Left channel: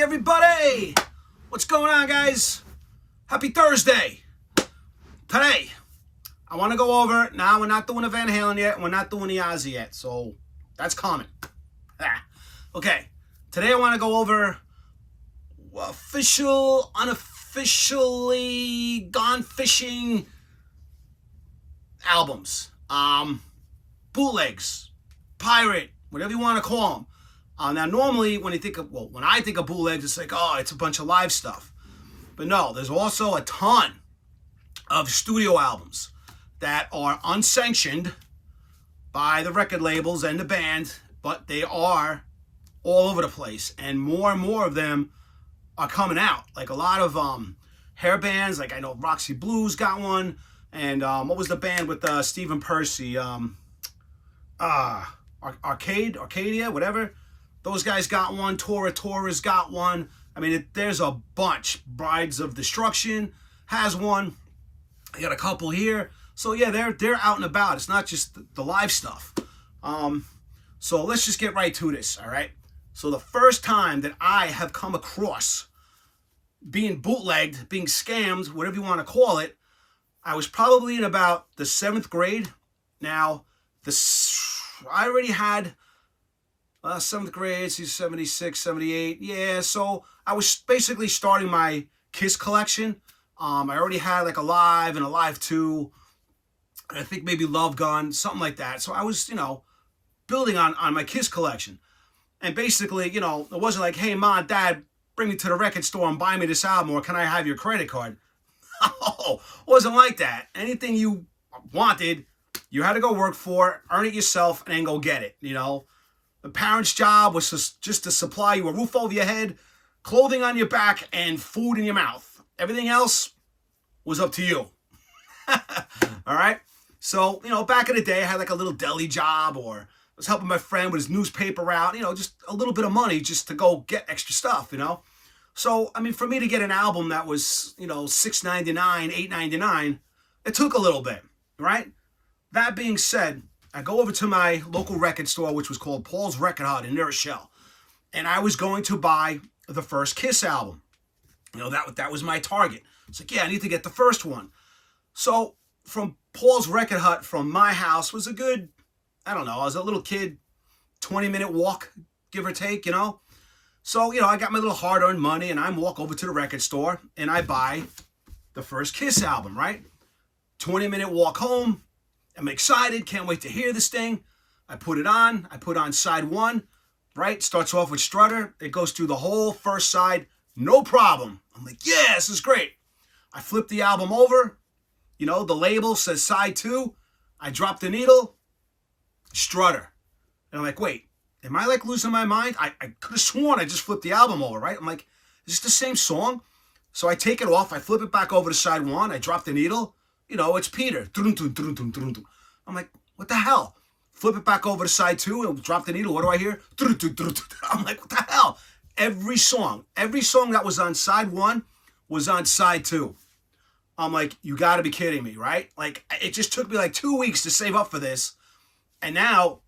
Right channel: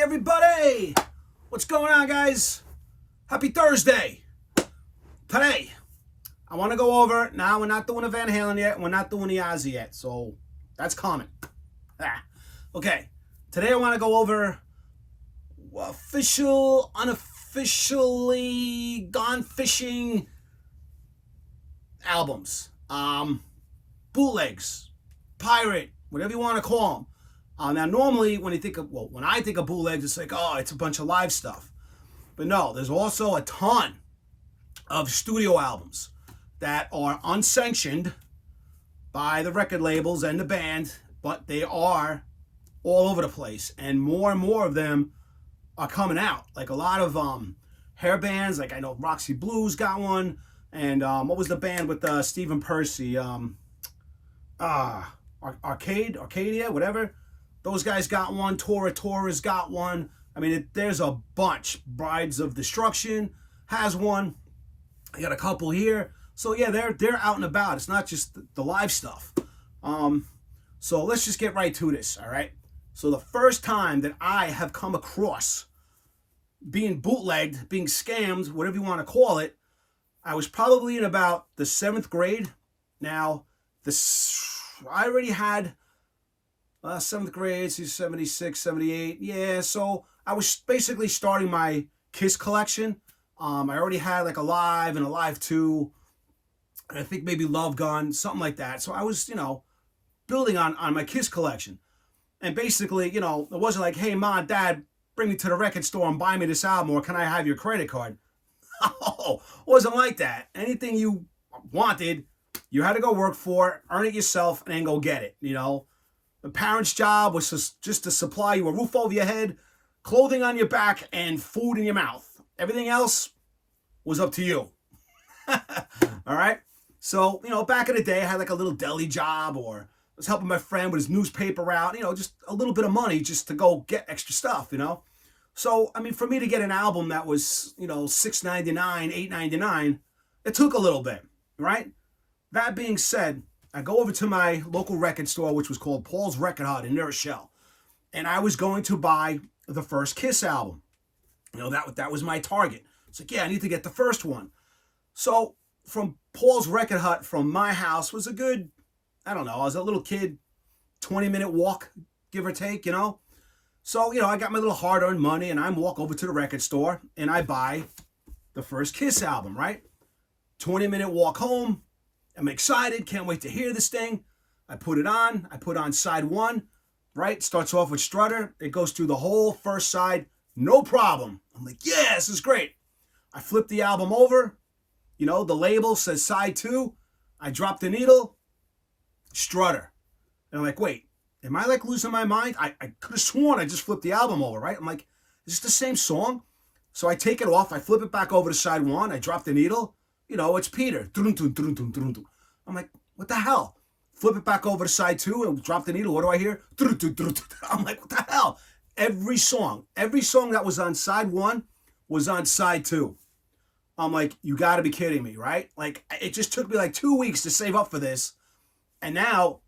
Hey everybody! What's going on, guys? Happy Thursday! Today, I want to go over, now we're not doing the Van Halen yet, we're not doing the Ozzy yet, so that's coming. Okay, today I want to go over official, unofficially gone fishing albums. Bootlegs, pirate, whatever you want to call them. Now, normally when I think of bootlegs, it's like, oh, it's a bunch of live stuff. But no, there's also a ton of studio albums that are unsanctioned by the record labels and the band, but they are all over the place. And more of them are coming out. Like a lot of hair bands, like I know Roxy Blues got one. And what was the band with Stephen Percy? Arcadia, whatever. Those guys got one. Tora's got one. I mean, there's a bunch. Brides of Destruction has one. I got a couple here. So yeah, they're out and about. It's not just the live stuff. So let's just get right to this. All right. So the first time that I have come across being bootlegged, being scammed, whatever you want to call it, I was probably in about the 7th grade. Now, I already had 7th grade, 76, 78. Yeah, so I was basically starting my Kiss collection. I already had like a Live and a Live 2. And I think maybe Love Gun, something like that. So I was, building on my Kiss collection. And basically, it wasn't like, hey, Mom, Dad, bring me to the record store and buy me this album, or can I have your credit card? Oh, wasn't like that. Anything you wanted, you had to go work for, earn it yourself, and then go get it, The parents' job was just to supply you a roof over your head, clothing on your back, and food in your mouth. Everything else was up to you. All right? So, back in the day, I had like a little deli job, or I was helping my friend with his newspaper route, just a little bit of money just to go get extra stuff, So, I mean, for me to get an album that was, $6.99, $8.99, it took a little bit, right? That being said, I go over to my local record store, which was called Paul's Record Hut in Unofficial, and I was going to buy the first Kiss album. That was my target. It's like, yeah, I need to get the first one. So from Paul's Record Hut from my house was a good, I don't know, I was a little kid, 20-minute walk, give or take, So, I got my little hard-earned money, and I walk over to the record store, and I buy the first Kiss album, right? 20-minute walk home. I'm excited. Can't wait to hear this thing. I put it on. I put on side 1, right? Starts off with Strutter. It goes through the whole first side. No problem. I'm like, yeah, this is great. I flip the album over. The label says side 2. I drop the needle. Strutter. And I'm like, wait. Am I like losing my mind? I could have sworn I just flipped the album over, right? I'm like, is this the same song? So I take it off. I flip it back over to side 1. I drop the needle. It's Peter. I'm like, what the hell? Flip it back over to side 2 and drop the needle. What do I hear? I'm like, what the hell? Every song that was on side 1 was on side 2. I'm like, you got to be kidding me, right? Like, it just took me like 2 weeks to save up for this. And now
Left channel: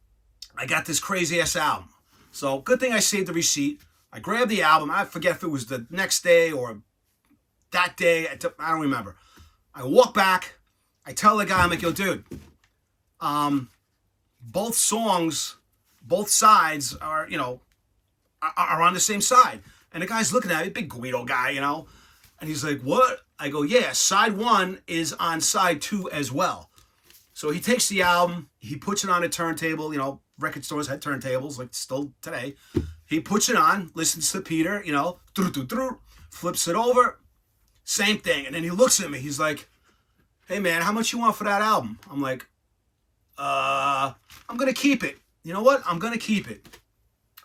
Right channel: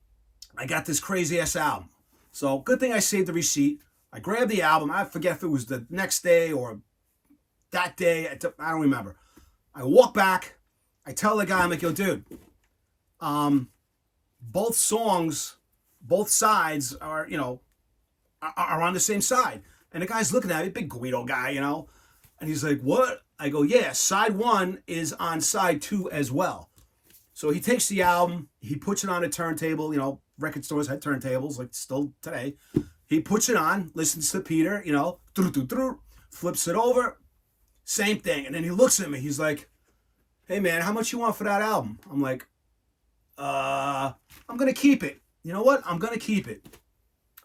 I got this crazy-ass album. So good thing I saved the receipt. I grabbed the album. I forget if it was the next day or that day. I don't remember. I walk back. I tell the guy, I'm like, yo, dude, both songs, both sides are, are on the same side. And the guy's looking at me, big Guido guy, and he's like, what? I go, yeah, side 1 is on side 2 as well. So he takes the album, he puts it on a turntable, record stores had turntables, like still today. He puts it on, listens to Peter, flips it over, same thing. And then he looks at me, he's like, hey man, how much you want for that album? I'm like, I'm going to keep it. You know what? I'm going to keep it.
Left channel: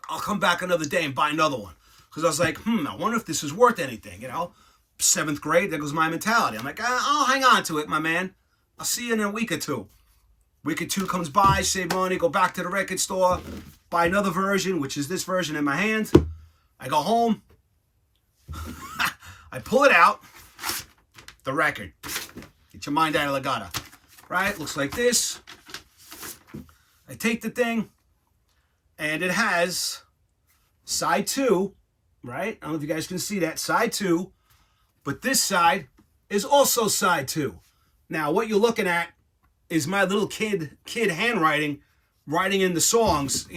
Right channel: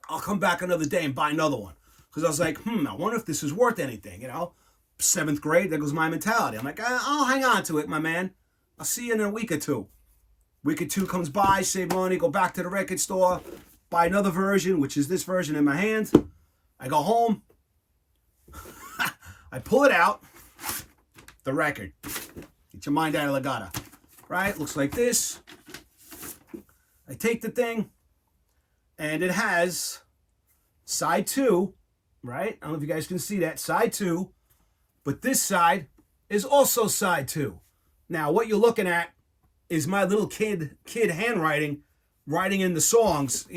I'll come back another day and buy another one. Because I was like, I wonder if this is worth anything, 7th grade, there goes my mentality. I'm like, I'll hang on to it, my man. I'll see you in a week or two. Week or two comes by, save money, go back to the record store, buy another version, which is this version in my hand. I go home. I pull it out. The record. Get your mind out of the gutter. Right? Looks like this. I take the thing, and it has side 2 right? I don't know if you guys can see that. Side 2. But this side is also side 2. Now, what you're looking at is my little kid handwriting, writing in the songs,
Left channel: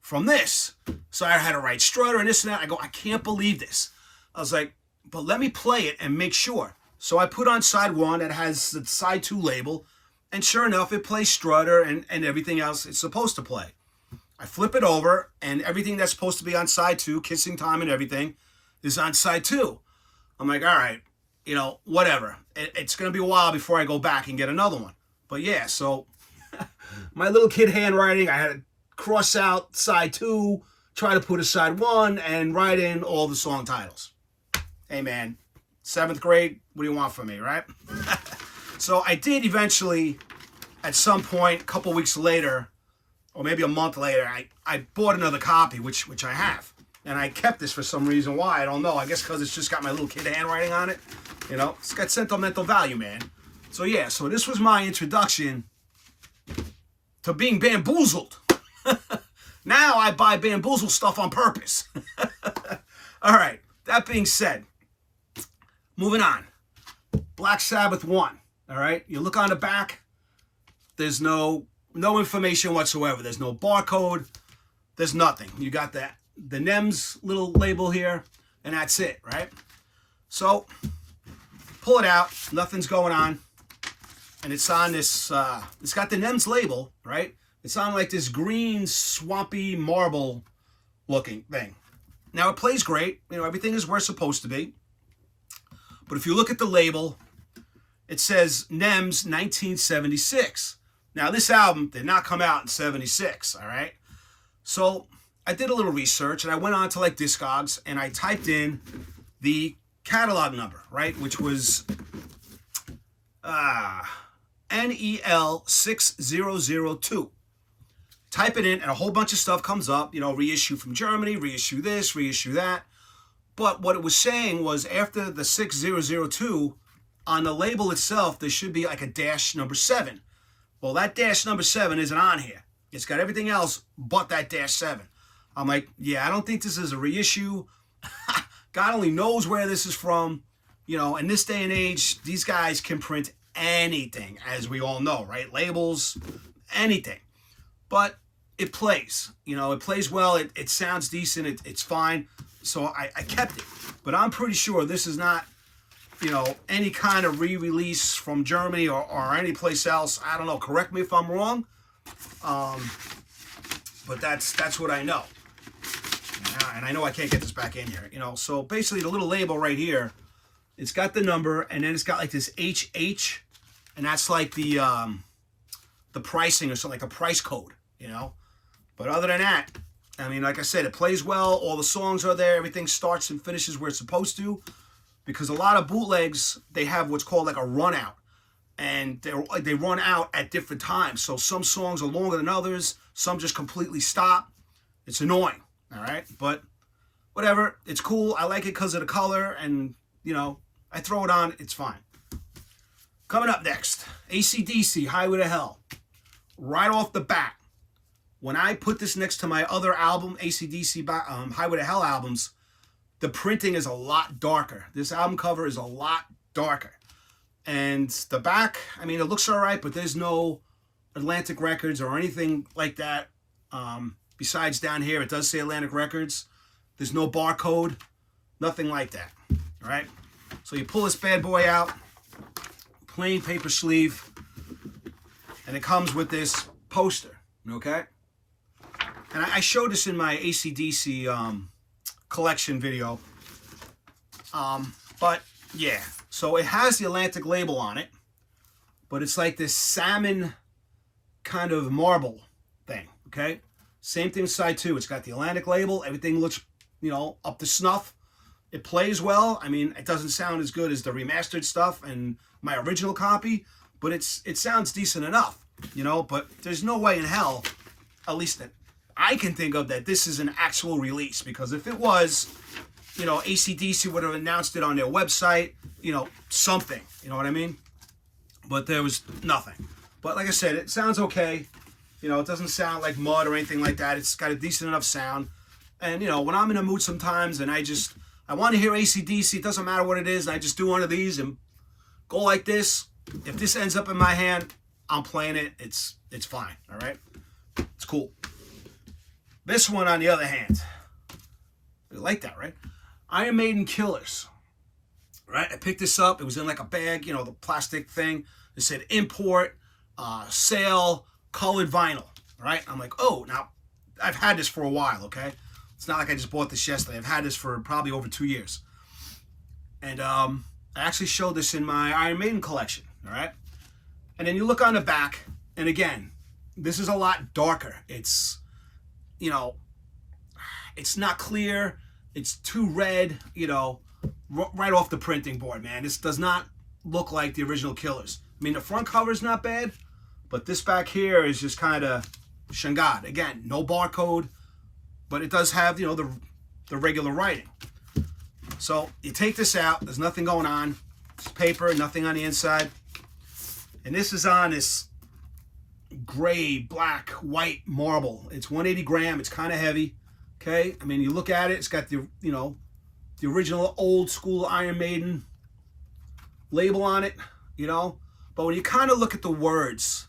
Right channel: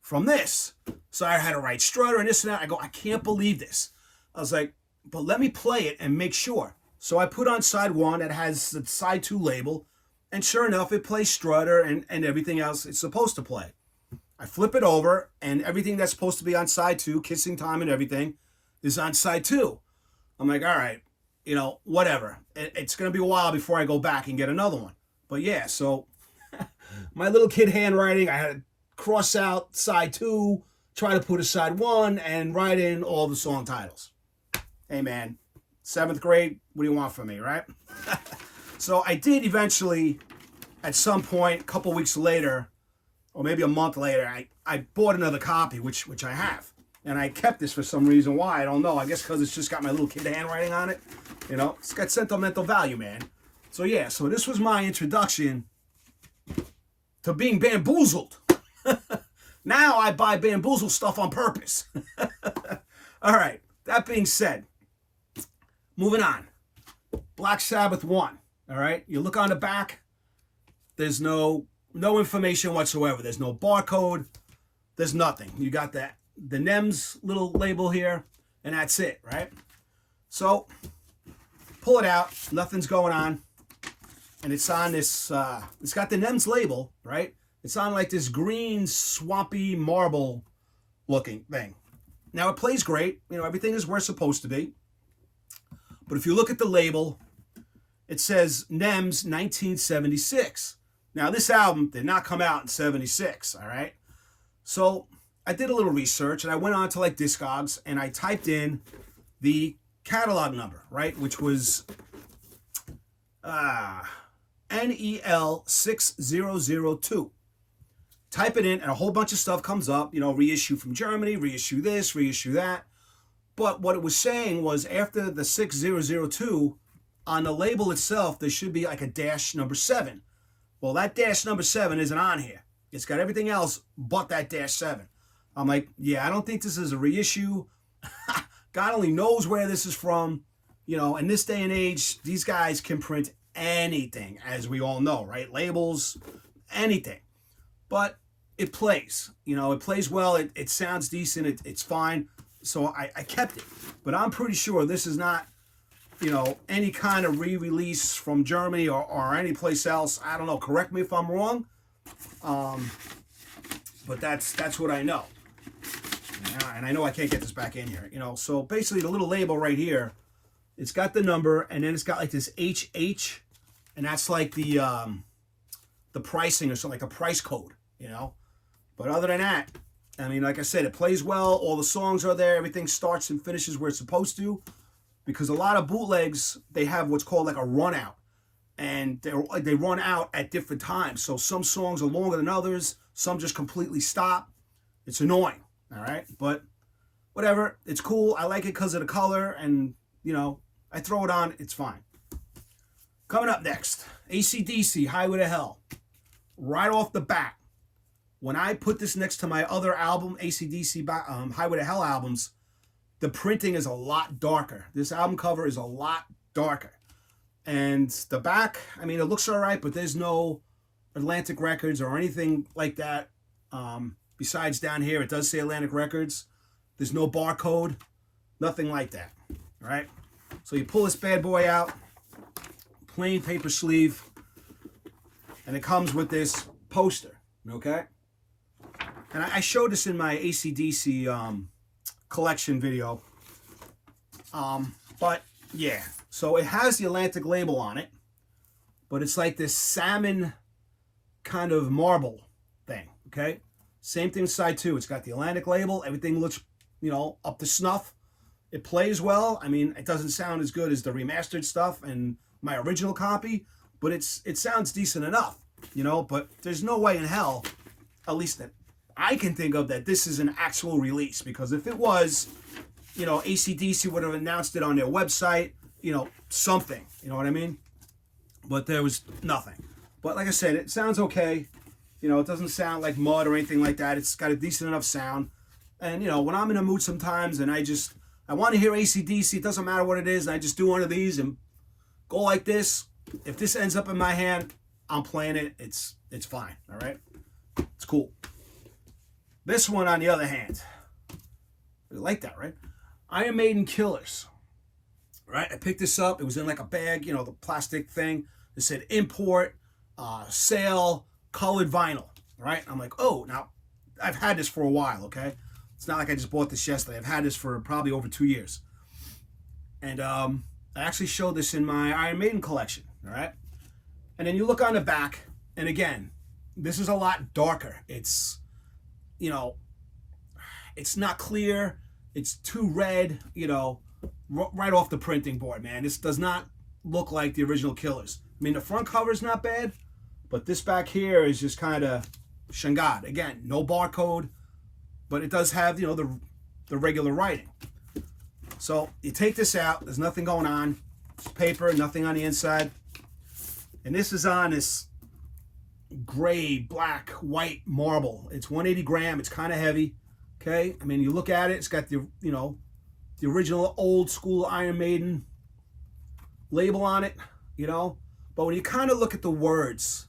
from this. So I had to write Strutter and this and that. I go, I can't believe this. I was like, but let me play it and make sure. So I put on side 1 that has the side 2 label, and sure enough, it plays Strutter and everything else it's supposed to play. I flip it over, and everything that's supposed to be on side 2, Kissing Time and everything, is on side 2. I'm like, all right, whatever. It's going to be a while before I go back and get another one. But yeah, so my little kid handwriting, I had to cross out side 2, try to put a side 1, and write in all the song titles. Hey, man, 7th grade, what do you want from me, right? So I did eventually, at some point, a couple weeks later, or maybe a month later, I bought another copy, which I have. And I kept this for some reason. Why? I don't know. I guess because it's just got my little kid handwriting on it. It's got sentimental value, man. So yeah, so this was my introduction to being bamboozled. Now I buy bamboozled stuff on purpose. All right, that being said, moving on. Black Sabbath 1, all right? You look on the back, there's no information whatsoever. There's no barcode. There's nothing. You got the NEMS little label here, and that's it, right? So, pull it out. Nothing's going on. And it's on this, it's got the NEMS label, right? It's on like this green, swampy marble looking thing. Now, it plays great. Everything is where it's supposed to be. But if you look at the label, it says NEMS 1976. Now, this album did not come out in 76, all right? So, I did a little research, and I went on to like Discogs, and I typed in the catalog number, right? Which was NEL 6002. Type it in, and a whole bunch of stuff comes up, reissue from Germany, reissue this, reissue that. But what it was saying was after the 6002, on the label itself, there should be like a dash number 7. Well, that dash number 7 isn't on here. It's got everything else but that dash 7. I'm like, yeah, I don't think this is a reissue. God only knows where this is from. In this day and age, these guys can print anything, as we all know, right? Labels, anything. But it plays. It plays well. It sounds decent. It's fine. So I kept it. But I'm pretty sure this is not, any kind of re-release from Germany or any place else. I don't know. Correct me if I'm wrong. But that's what I know. And I know I can't get this back in here. So basically the little label right here, it's got the number, and then it's got like this HH, and that's like the pricing or something, like the price code, But other than that, like I said, it plays well. All the songs are there. Everything starts and finishes where it's supposed to. Because a lot of bootlegs, they have what's called like a run out. And they run out at different times. So some songs are longer than others. Some just completely stop. It's annoying, all right? But whatever. It's cool. I like it because of the color. And, I throw it on. It's fine. Coming up next, AC/DC, Highway to Hell. Right off the bat, when I put this next to my other album, AC/DC Highway to Hell albums, the printing is a lot darker. This album cover is a lot darker. And the back, it looks all right, but there's no Atlantic Records or anything like that. Besides down here, it does say Atlantic Records. There's no barcode, nothing like that, all right? So you pull this bad boy out, plain paper sleeve, and it comes with this poster, okay? And I showed this in my AC/DC collection video. But yeah, so it has the Atlantic label on it, but it's like this salmon kind of marble thing, okay? Same thing with side 2. It's got the Atlantic label. Everything looks, up to snuff. It plays well. It doesn't sound as good as the remastered stuff and my original copy, but it sounds decent enough, but there's no way in hell, at least that I can think of, that this is an actual release, because if it was, AC/DC would have announced it on their website, something, you know what I mean? But there was nothing. But like I said, it sounds okay. It doesn't sound like mud or anything like that. It's got a decent enough sound. And, you know, when I'm in a mood sometimes and I want to hear AC/DC, it doesn't matter what it is, and I just do one of these and go like this. If this ends up in my hand, I'm playing it. It's fine, all right? It's cool. This one, on the other hand, you like that, right? Iron Maiden Killers, right? I picked this up. It was in like a bag, you know, the plastic thing. It said import, sale, colored vinyl, right? I'm like, oh, now, I've had this for a while, okay? It's not like I just bought this yesterday. I've had this for probably over 2 years. And I actually showed this in my Iron Maiden collection, all right? And then you look on the back, and again, this is a lot darker. It's, you know, it's not clear. It's too red, you know, right off the printing board, man. This does not look like the original Killers. I mean, the front cover is not bad, but this back here is just kind of shangad. Again, no barcode, but it does have, you know, the regular writing. So you take this out. There's nothing going on. It's paper, nothing on the inside. And this is on this gray, black, white marble. It's 180 gram. It's kind of heavy. Okay? I mean, you look at it. It's got the, you know, the original old school Iron Maiden label on it, you know. But when you kind of look at the words,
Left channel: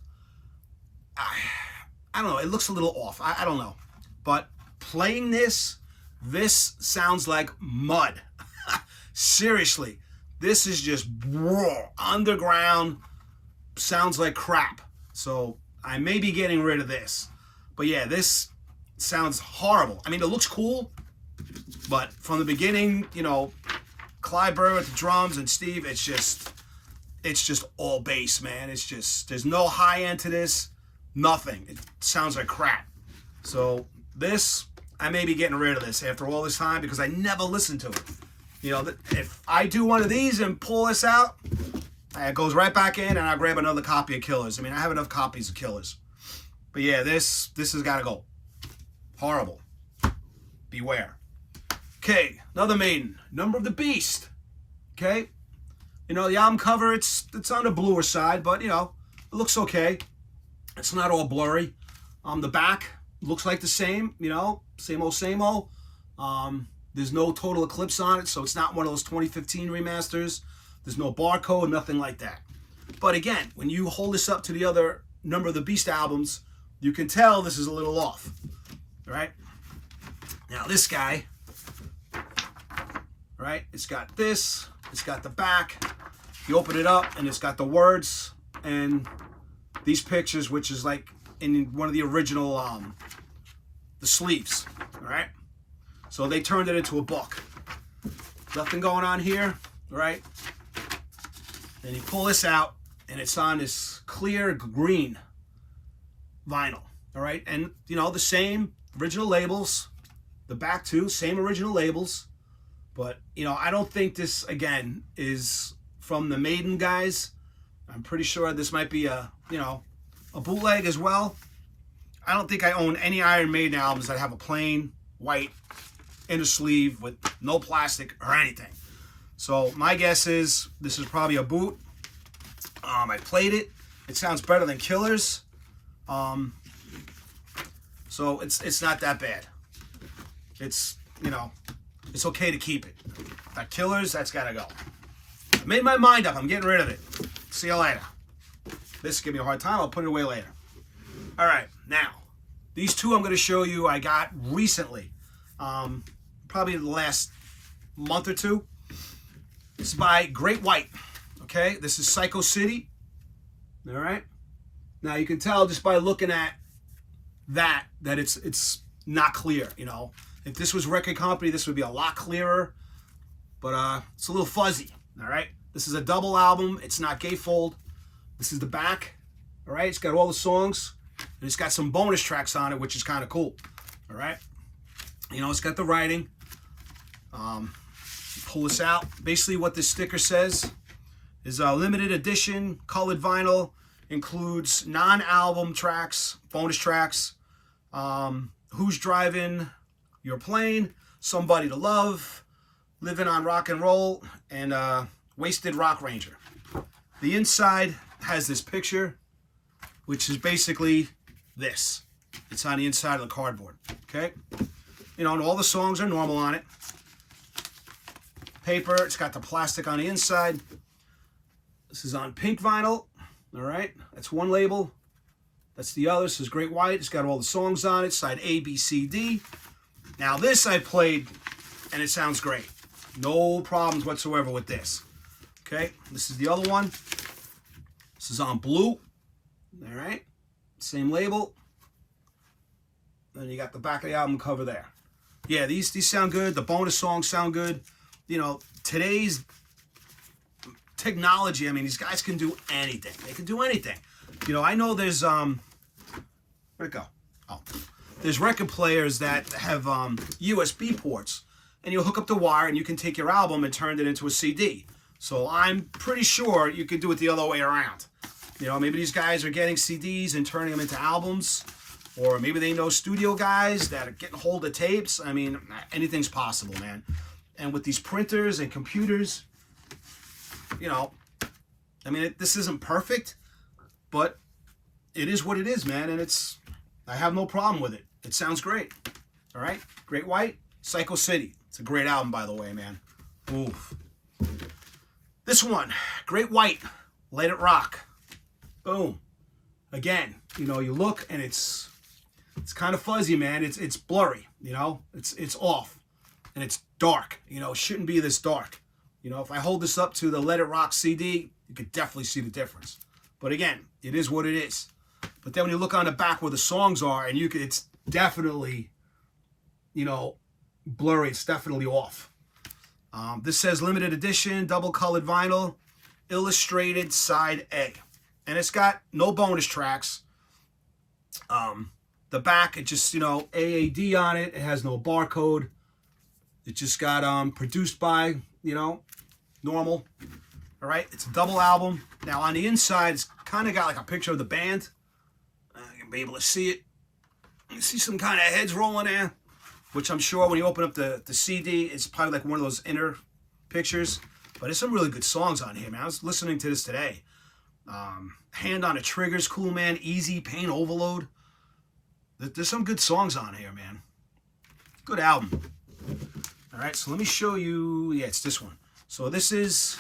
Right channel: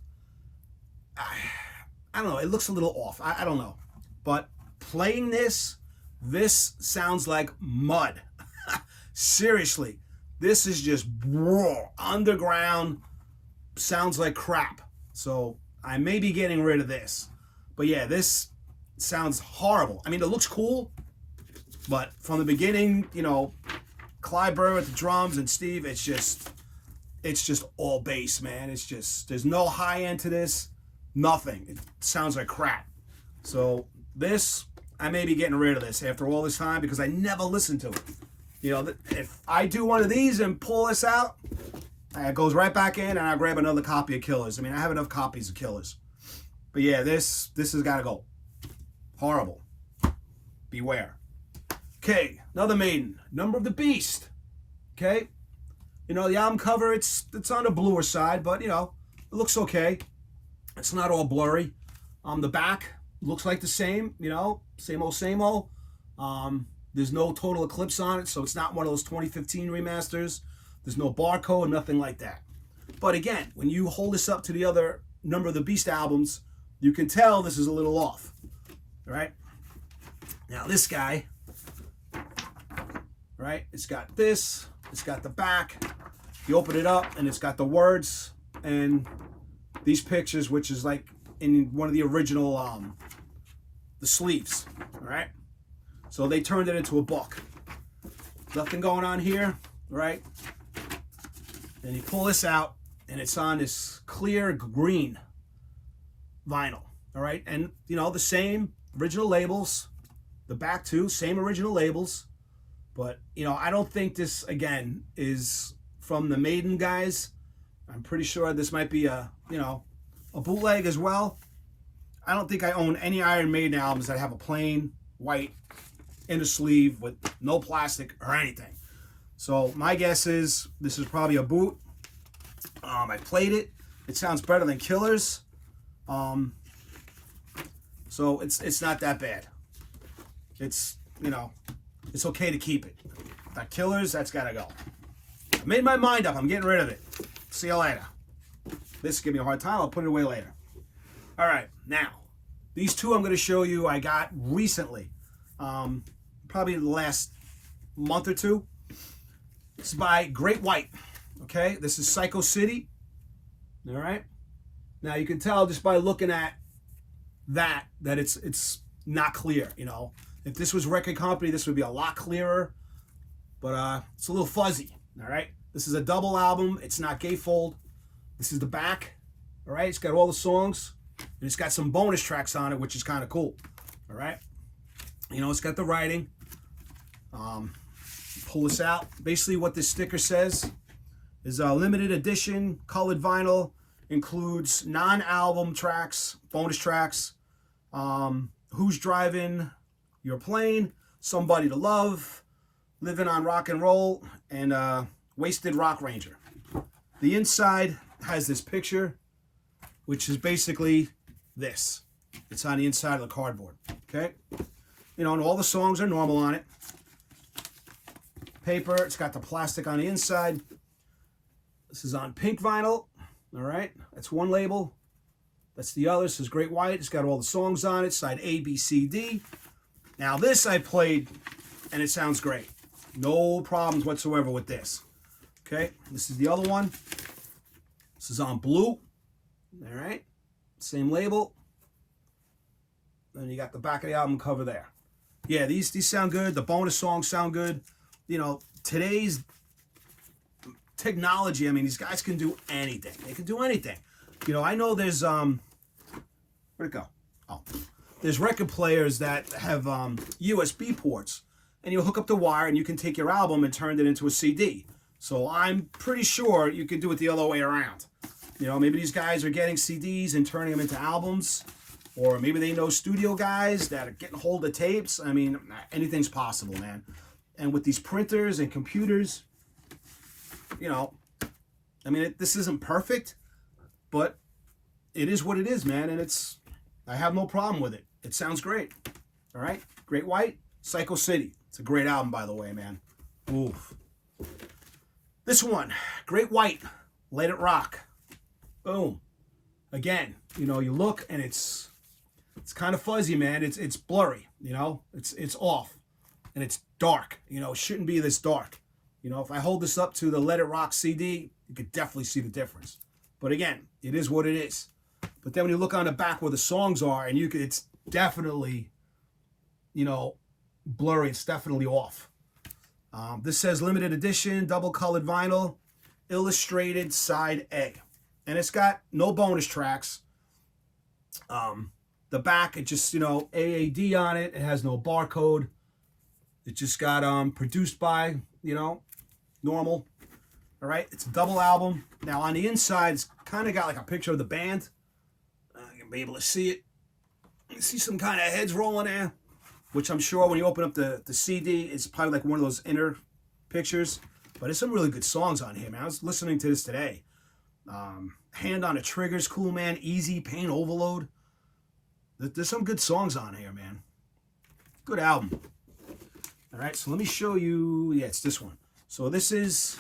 I don't know. It looks a little off. I don't know. But playing this sounds like mud. Seriously. This is just underground. Sounds like crap. So I may be getting rid of this. But yeah, this sounds horrible. I mean, it looks cool. But from the beginning, you know, Clyburn with the drums and Steve, it's just all bass, man. It's just, there's no high end to this. Nothing. It sounds like crap. So this, I may be getting rid of this after all this time because I never listened to it. You know, if I do one of these and pull this out, it goes right back in and I grab another copy of Killers. I mean, I have enough copies of Killers. But yeah, this has got to go. Horrible. Beware. Okay, another Maiden. Number of the Beast. Okay. You know, the album cover, it's on the bluer side, but, you know, it looks okay. It's not all blurry. The back looks like the same, you know, same old, same old. There's no Total Eclipse on it, so it's not one of those 2015 remasters. There's no barcode, nothing like that. But again, when you hold this up to the other Number of the Beast albums, you can tell this is a little off. Right? Now this guy, right? It's got this, it's got the back. You open it up and it's got the words and these pictures, which is like in one of the original, the sleeves, right? So they turned it into a book. Nothing going on here, right? And you pull this out and it's on this clear green vinyl, all right? And, you know, the same original labels, the back too, same original labels. But, you know, I don't think this, again, is from the Maiden guys. I'm pretty sure this might be a, you know, a bootleg as well. I don't think I own any Iron Maiden albums that have a plain white inner sleeve with no plastic or anything. So my guess is this is probably a boot. I played it. It sounds better than Killers. So it's not that bad. It's, you know, it's okay to keep it. That Killers, that's gotta go. I made my mind up. I'm getting rid of it. See you later. This give me a hard time. I'll put it away later. All right, now these two I'm going to show you I got recently, probably in the last month or two. This is by Great White. Okay, this is Psycho City. All right. Now you can tell just by looking at that it's not clear. You know, if this was Record Company, this would be a lot clearer. But it's a little fuzzy. All right. This is a double album. It's not gatefold. This is the back. All right. It's got all the songs, and it's got some bonus tracks on it, which is kind of cool. All right. You know, it's got the writing. Pull this out. Basically, what this sticker says is a limited edition colored vinyl. Includes non-album tracks, bonus tracks. Who's Driving Your Plane? Somebody to Love. Living on Rock and Roll. And Wasted Rock Ranger. The inside has this picture, which is basically this. It's on the inside of the cardboard. Okay? You know, and all the songs are normal on it. Paper, it's got the plastic on the inside. This is on pink vinyl. All right, that's one label. That's the other. This is Great White. It's got all the songs on it, side A, B, C, D. Now this I played, and it sounds great. No problems whatsoever with this. Okay, this is the other one. This is on blue. All right, same label. Then you got the back of the album cover there. Yeah, these sound good. The bonus songs sound good. You know, today's technology, I mean, these guys can do anything. They can do anything. You know, I know there's, where'd it go? Oh. There's record players that have USB ports, and you hook up the wire and you can take your album and turn it into a CD. So I'm pretty sure you can do it the other way around. You know, maybe these guys are getting CDs and turning them into albums, or maybe they know studio guys that are getting hold of tapes. I mean, anything's possible, man. And with these printers and computers, you know, I mean, this isn't perfect, but it is what it is, man. And I have no problem with it. It sounds great. All right. Great White, Psycho City. It's a great album, by the way, man. Oof. This one, Great White, Let It Rock. Boom. Again, you know, you look and it's kind of fuzzy, man. It's blurry, you know. It's off. And it's dark. You know, it shouldn't be this dark. You know, if I hold this up to the Let It Rock CD, you could definitely see the difference. But again, it is what it is. But then when you look on the back where the songs are, and it's definitely, you know, blurry. It's definitely off. This says limited edition, double colored vinyl, illustrated side A. And it's got no bonus tracks. The back, it just, you know, AAD on it. It has no barcode. It just got produced by, you know, normal. All right, it's a double album. Now on the inside, it's kind of got like a picture of the band. You'll be able to see it. You see some kind of heads rolling there, which I'm sure when you open up the CD, it's probably like one of those inner pictures. But there's some really good songs on here, man. I was listening to this today. Hand on the Trigger's cool, man. Easy, Pain Overload. There's some good songs on here, man. Good album. All right, so let me show you. Yeah, it's this one. So this is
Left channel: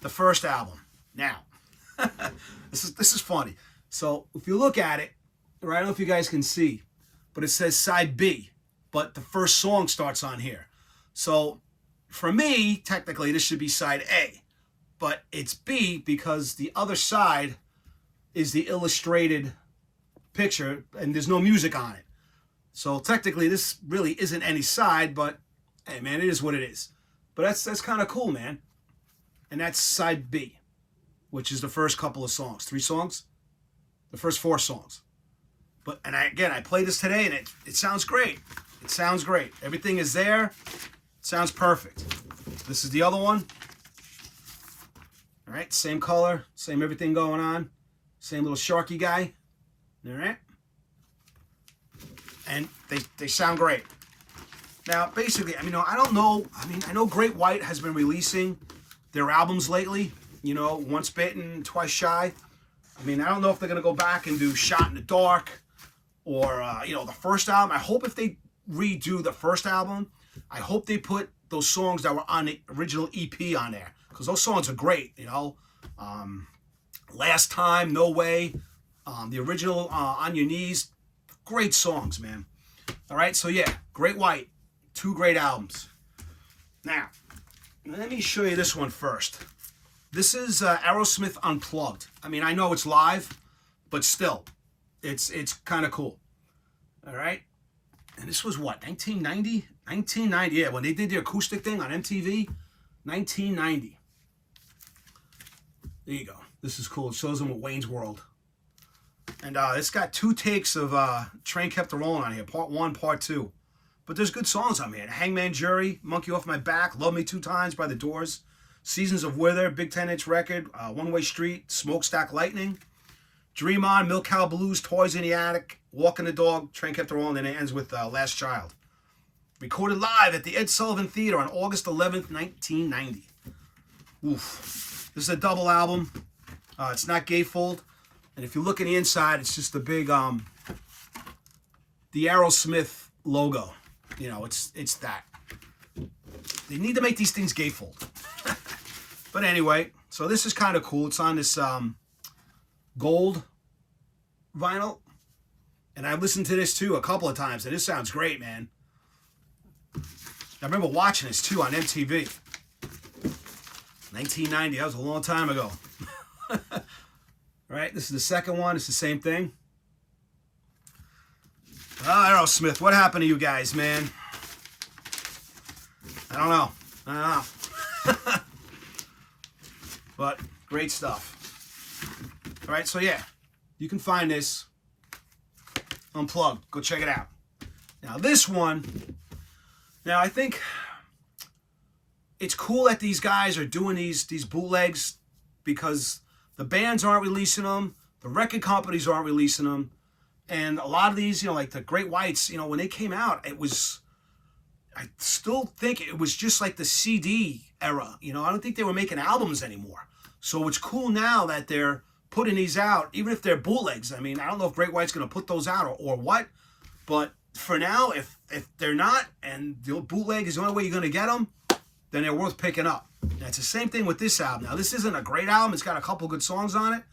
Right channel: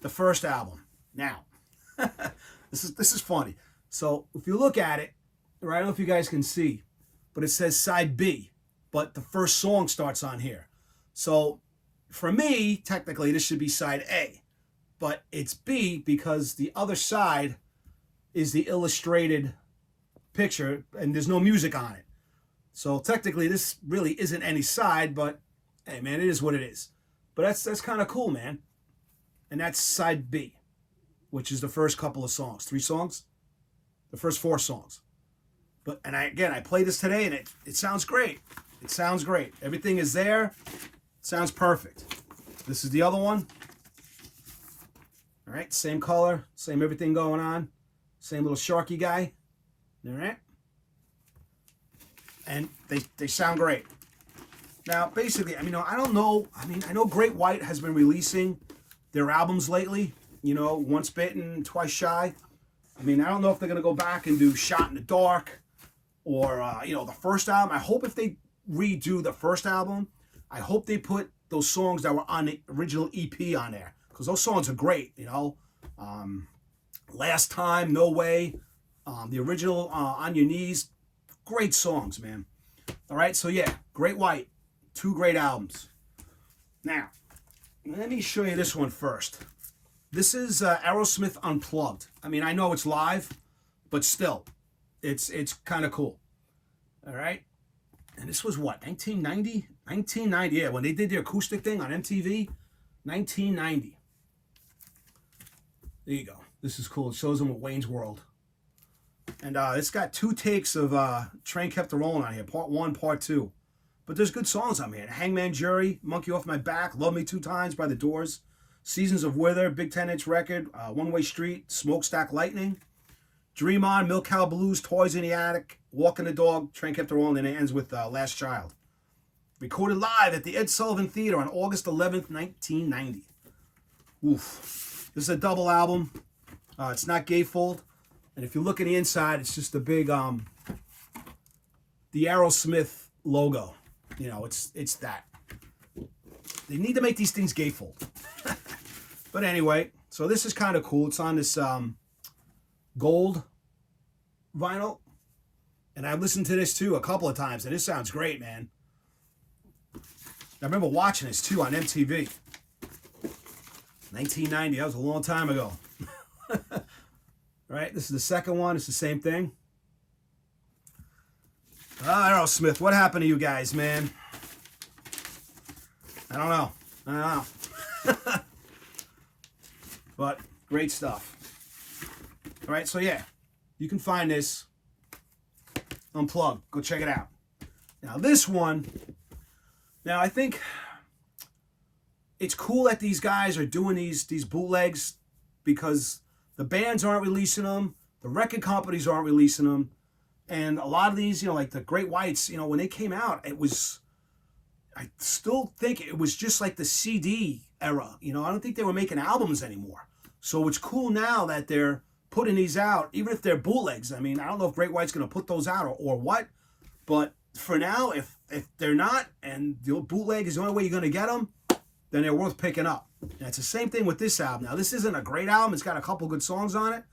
the first album. Now, this is funny. So if you look at it, right, I don't know if you guys can see, but it says side B, but the first song starts on here. So for me, technically, this should be side A, but it's B because the other side is the illustrated picture, and there's no music on it. So technically, this really isn't any side, but hey, man, it is what it is. But that's kind of cool, man. And that's side B, which is the first couple of songs. 3 songs? The first 4 songs. But, and I played this today, and it sounds great. It sounds great. Everything is there. It sounds perfect. This is the other one. All right, same color, same everything going on. Same little Sharky guy. All right. And they sound great. Now, basically, I mean, I don't know. I mean, I know Great White has been releasing their albums lately. You know, Once Bitten, Twice Shy. I mean, I don't know if they're going to go back and do Shot in the Dark or, you know, the first album. I hope if they redo the first album, I hope they put those songs that were on the original EP on there. Because those songs are great, you know. Last Time, No Way, the original On Your Knees. Great songs, man. All right, so yeah, Great White. 2 great albums. Now, let me show you this one first. This is Aerosmith Unplugged. I mean, I know it's live, but still, it's kind of cool. All right? And this was what, 1990? 1990, yeah, when they did the acoustic thing on MTV. 1990. There you go. This is cool. It shows them at Wayne's World. And it's got 2 takes of Train Kept a Rollin' on here. Part 1, Part 2. But there's good songs on here. Hangman Jury, Monkey Off My Back, Love Me 2 Times by The Doors, Seasons of Wither, Big 10-inch record, One Way Street, Smokestack Lightning, Dream On, Milk Cow Blues, Toys in the Attic, Walking the Dog, Train Kept a Rollin', and it ends with Last Child. Recorded live at the Ed Sullivan Theater on August 11th, 1990. Oof. This is a double album. It's not gatefold. And if you look at the inside, it's just the big, the Aerosmith logo. You know, it's that. They need to make these things gatefold. But anyway, so this is kind of cool. It's on this gold vinyl. And I've listened to this too a couple of times, and this sounds great, man. I remember watching this too on MTV. 1990, that was a long time ago. Right, this is the second one. It's the same thing. Aerosmith, what happened to you guys, man? I don't know. But great stuff. All right, so yeah, you can find this Unplugged. Go check it out. Now this one, now I think it's cool that these guys are doing these bootlegs because the bands aren't releasing them, the record companies aren't releasing them, and a lot of these, you know, like the Great Whites, you know, when they came out, it was, I still think it was just like the CD era. You know, I don't think they were making albums anymore. So it's cool now that they're putting these out, even if they're bootlegs. I mean, I don't know if Great White's going to put those out or what, but for now, if they're not, and the bootleg is the only way you're going to get them, then they're worth picking up. And it's the same thing with this album. Now, this isn't a great album. It's got a couple good songs on it,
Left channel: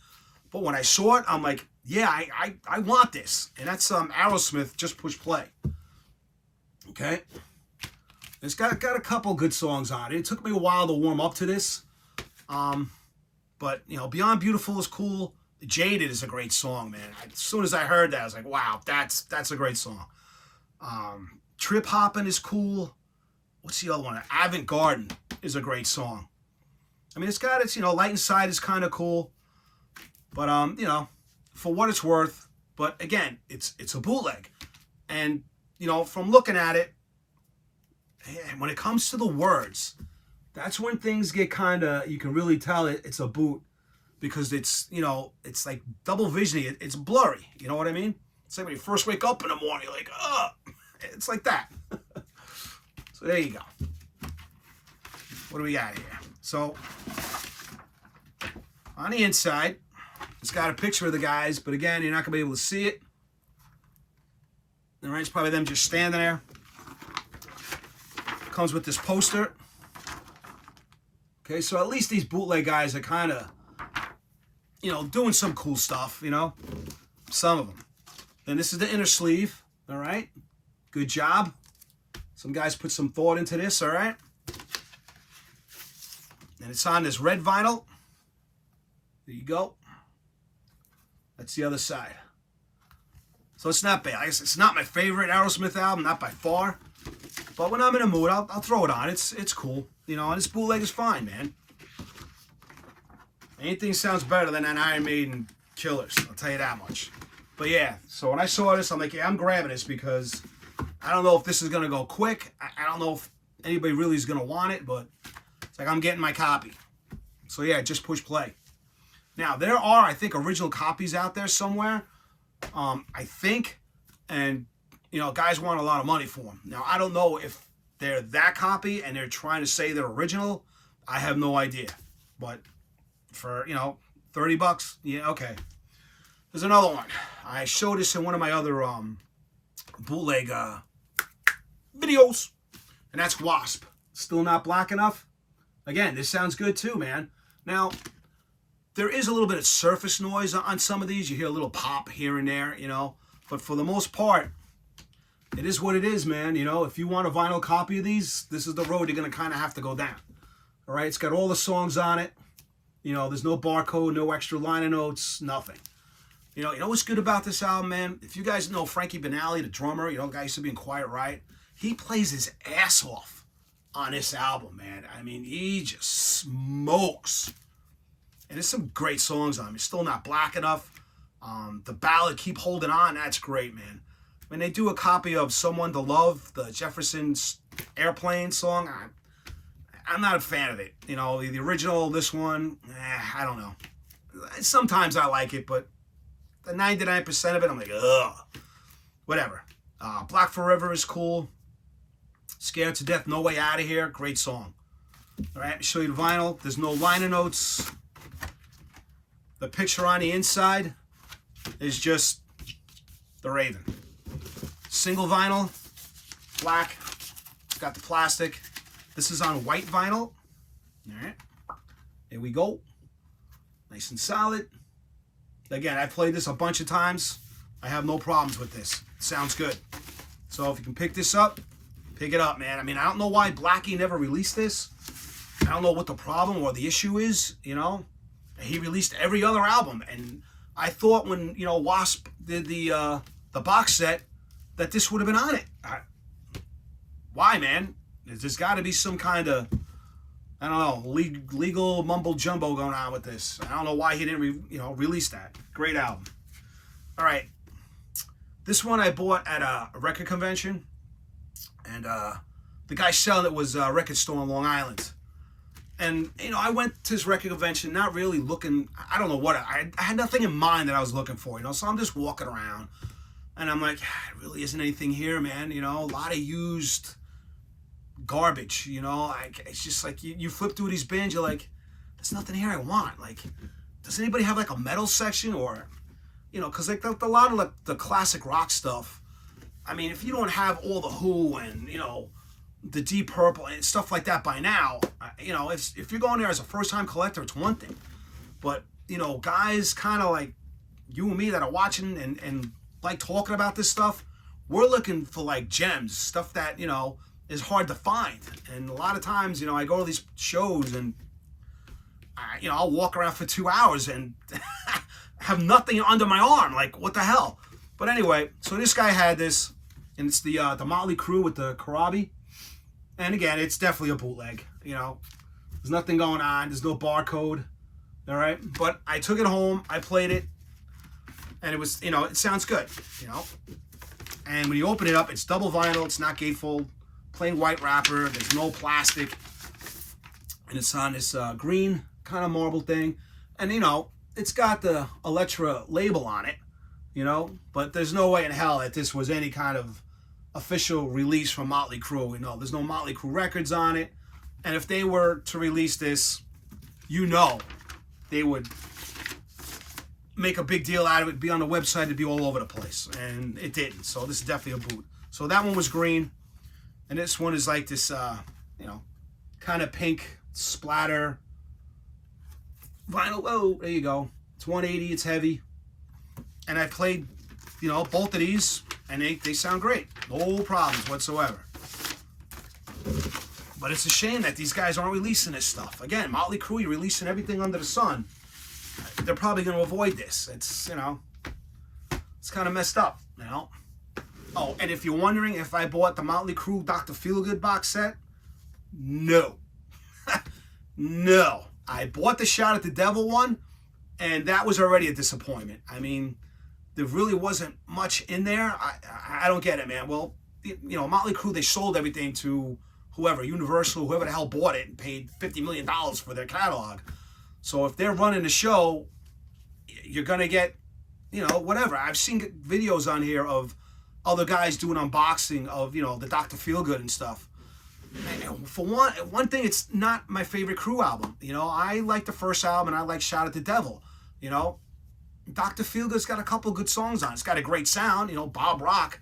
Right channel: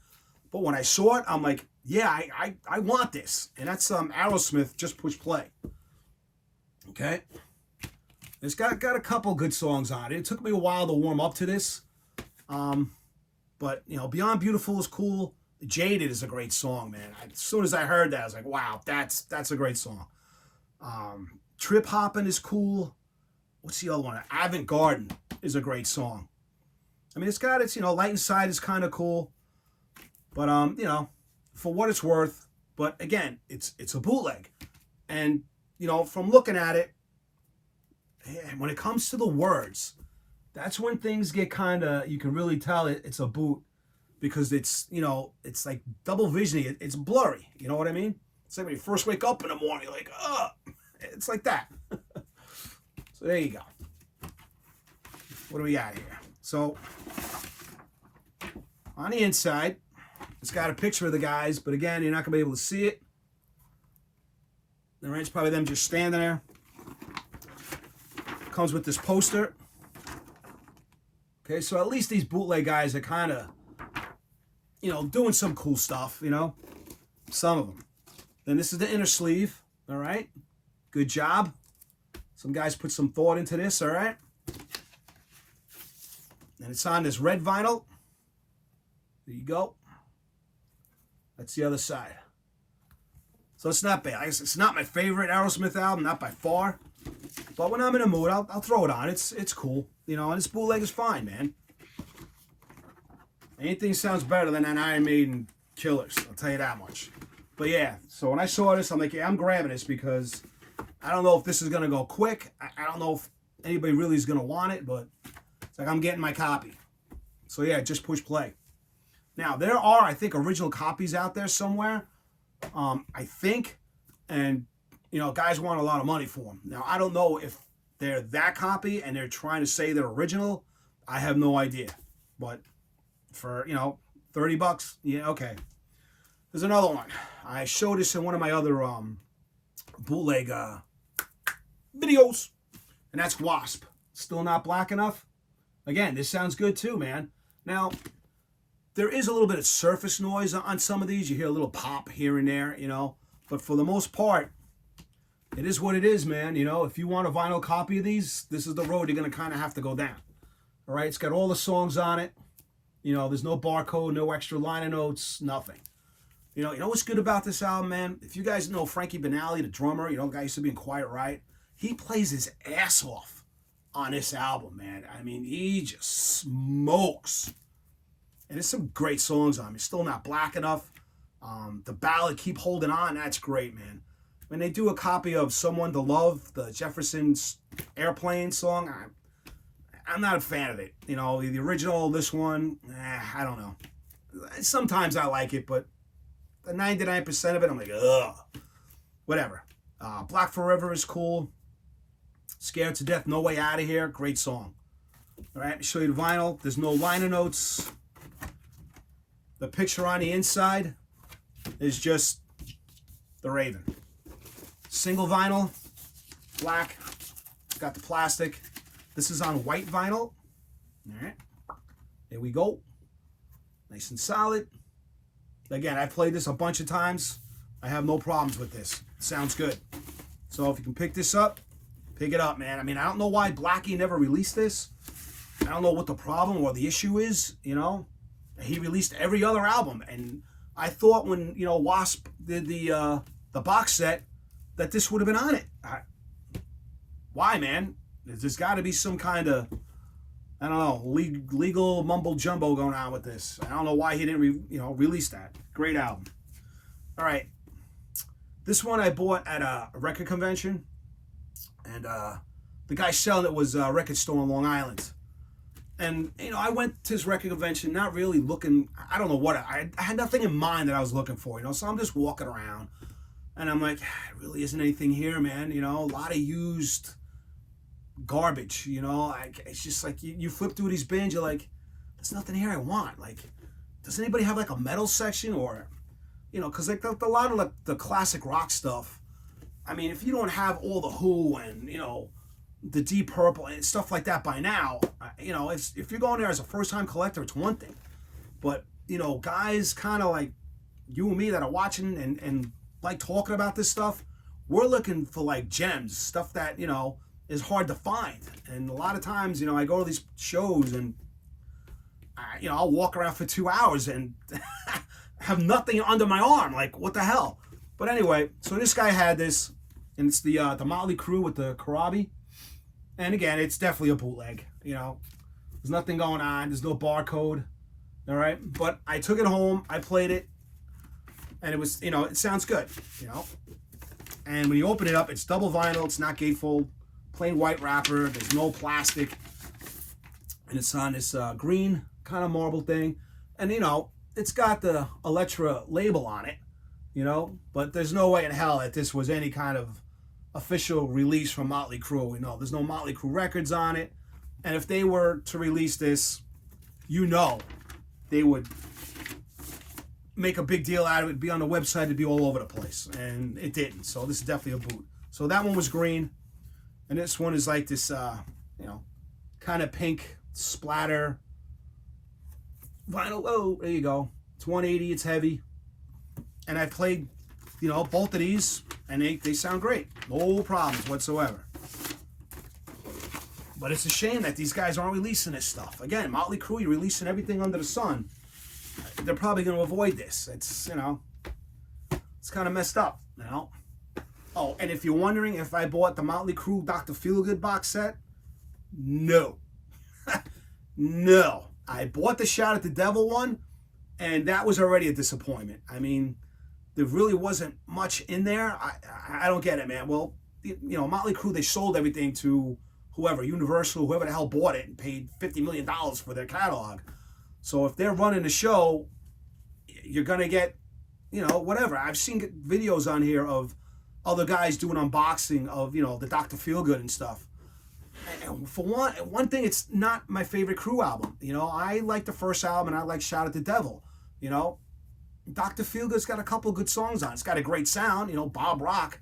but when I saw it, I'm like, yeah, I want this. And that's Aerosmith, Just Push Play. Okay? It's got a couple good songs on it. It took me a while to warm up to this. But, you know, Beyond Beautiful is cool. Jaded is a great song, man. As soon as I heard that, I was like, wow, that's a great song. Trip Hoppin' is cool. What's the other one? Avant Garden is a great song. I mean, it's got its, you know, Light Inside is kind of cool. But, you know, for what it's worth. But, again, it's a bootleg. And, you know, from looking at it, when it comes to the words, that's when things get kind of, you can really tell it's a boot because it's, you know, it's like double visioning. It's blurry. You know what I mean? It's like when you first wake up in the morning, you're like, ugh. It's like that. So there you go. What do we got here? So on the inside, it's got a picture of the guys, but again, you're not going to be able to see it. All right, it's probably them just standing there. Comes with this poster. Okay, so at least these bootleg guys are kind of, you know, doing some cool stuff, you know, some of them. Then this is the inner sleeve, all right? Good job. Some guys put some thought into this, all right? And it's on this red vinyl. There you go. That's the other side. So it's not bad. I guess it's not my favorite Aerosmith album, not by far. But when I'm in a mood, I'll throw it on. It's cool. You know, and this bootleg is fine, man. Anything sounds better than that Iron Maiden Killers. I'll tell you that much. But yeah, so when I saw this, I'm like, yeah, I'm grabbing this because I don't know if this is going to go quick. I don't know if anybody really is going to want it, but it's like I'm getting my copy. So yeah, just push play. Now, there are, I think, original copies out there somewhere. I think, and, you know, guys want a lot of money for them. Now, I don't know if they're that copy and they're trying to say they're original. I have no idea. But for, you know, 30 bucks, yeah, okay. There's another one. I showed this in one of my other bootleg videos, and that's Wasp. Still not black enough? Again, this sounds good too, man. Now, there is a little bit of surface noise on some of these. You hear a little pop here and there, you know. But for the most part, it is what it is, man. You know, if you want a vinyl copy of these, this is the road you're going to kind of have to go down. All right, it's got all the songs on it. You know, there's no barcode, no extra liner notes, nothing. You know what's good about this album, man? If you guys know Frankie Banali, the drummer, you know, guy used to be in Quiet Riot, he plays his ass off on this album, man. I mean, he just smokes. And there's some great songs on it. It's still not black enough. The ballad, Keep Holding On, that's great, man. When they do a copy of Someone to Love, the Jefferson's Airplane song, I'm not a fan of it. You know, the original, this one, I don't know. Sometimes I like it, but the 99% of it, I'm like, ugh. Whatever. Black Forever is cool. Scared to Death, No Way Out of Here, great song. All right, let me show you the vinyl. There's no liner notes. The picture on the inside is just the Raven. Single vinyl. black. It's got the plastic. This is on white vinyl. All right. There we go. Nice and solid. Again, I played this a bunch of times. I have no problems with this. It sounds good. So if you can pick this up, pick it up, man. I mean, I don't know why Blackie never released this. I don't know what the problem or the issue is, you know. He released every other album, and I thought when, you know, Wasp did the box set that this would have been on it. Why, man? There's got to be some kind of, I don't know, legal mumbo jumbo going on with this. I don't know why he didn't, release that. Great album. All right, this one I bought at a record convention, and the guy selling it was a record store on Long Island. And, you know, I went to this record convention not really looking, I don't know what, I had nothing in mind that I was looking for, you know, so I'm just walking around, and I'm like, there really isn't anything here, man, you know, a lot of used garbage, you know, like, it's just like, you flip through these bins, you're like, there's nothing here I want, like, does anybody have, like, a metal section, or, you know, because, like, a lot of, like, the classic rock stuff, I mean, if you don't have all the Who and, you know, the Deep Purple and stuff like that by now, you know, if you're going there as a first-time collector, it's one thing. But, you know, guys kind of like you and me that are watching and like talking about this stuff, we're looking for, like, gems, stuff that, you know, is hard to find. And a lot of times, you know, I go to these shows and, you know, I'll walk around for 2 hours and have nothing under my arm. Like, what the hell? But anyway, so this guy had this, and it's the Motley Crue with the Karabi. And again, it's definitely a bootleg, you know. There's nothing going on. There's no barcode, all right? But I took it home. I played it. And it was, you know, it sounds good, you know. And when you open it up, it's double vinyl. It's not gatefold. Plain white wrapper. There's no plastic. And it's on this green kind of marble thing. And, you know, it's got the Elektra label on it, you know. But there's no way in hell that this was any kind of official release from Motley Crue. You know, there's no Motley Crue records on it. And if they were to release this, you know, they would make a big deal out of it, be on the website, it'd be all over the place. And it didn't. So this is definitely a boot. So that one was green. And this one is like this, you know, kind of pink splatter vinyl. Oh, there you go. It's 180. It's heavy. And I played, you know, both of these, and they sound great. No problems whatsoever. But it's a shame that these guys aren't releasing this stuff. Again, Motley Crue, you're releasing everything under the sun. They're probably going to avoid this. It's, you know, it's kind of messed up, you know. Oh, and if you're wondering if I bought the Motley Crue Dr. Feelgood box set, no. No. I bought the Shot at the Devil one, and that was already a disappointment. I mean, there really wasn't much in there. I don't get it, man. Well, you know, Motley Crue, they sold everything to whoever, Universal, whoever the hell bought it, and paid $50 million for their catalog. So if they're running the show, you're going to get, you know, whatever. I've seen videos on here of other guys doing unboxing of, you know, the Dr. Feelgood and stuff. And for one thing, it's not my favorite Crue album. You know, I like the first album, and I like Shot at the Devil. You know, Dr. Feelgood's got a couple good songs on it. It's got a great sound. You know, Bob Rock,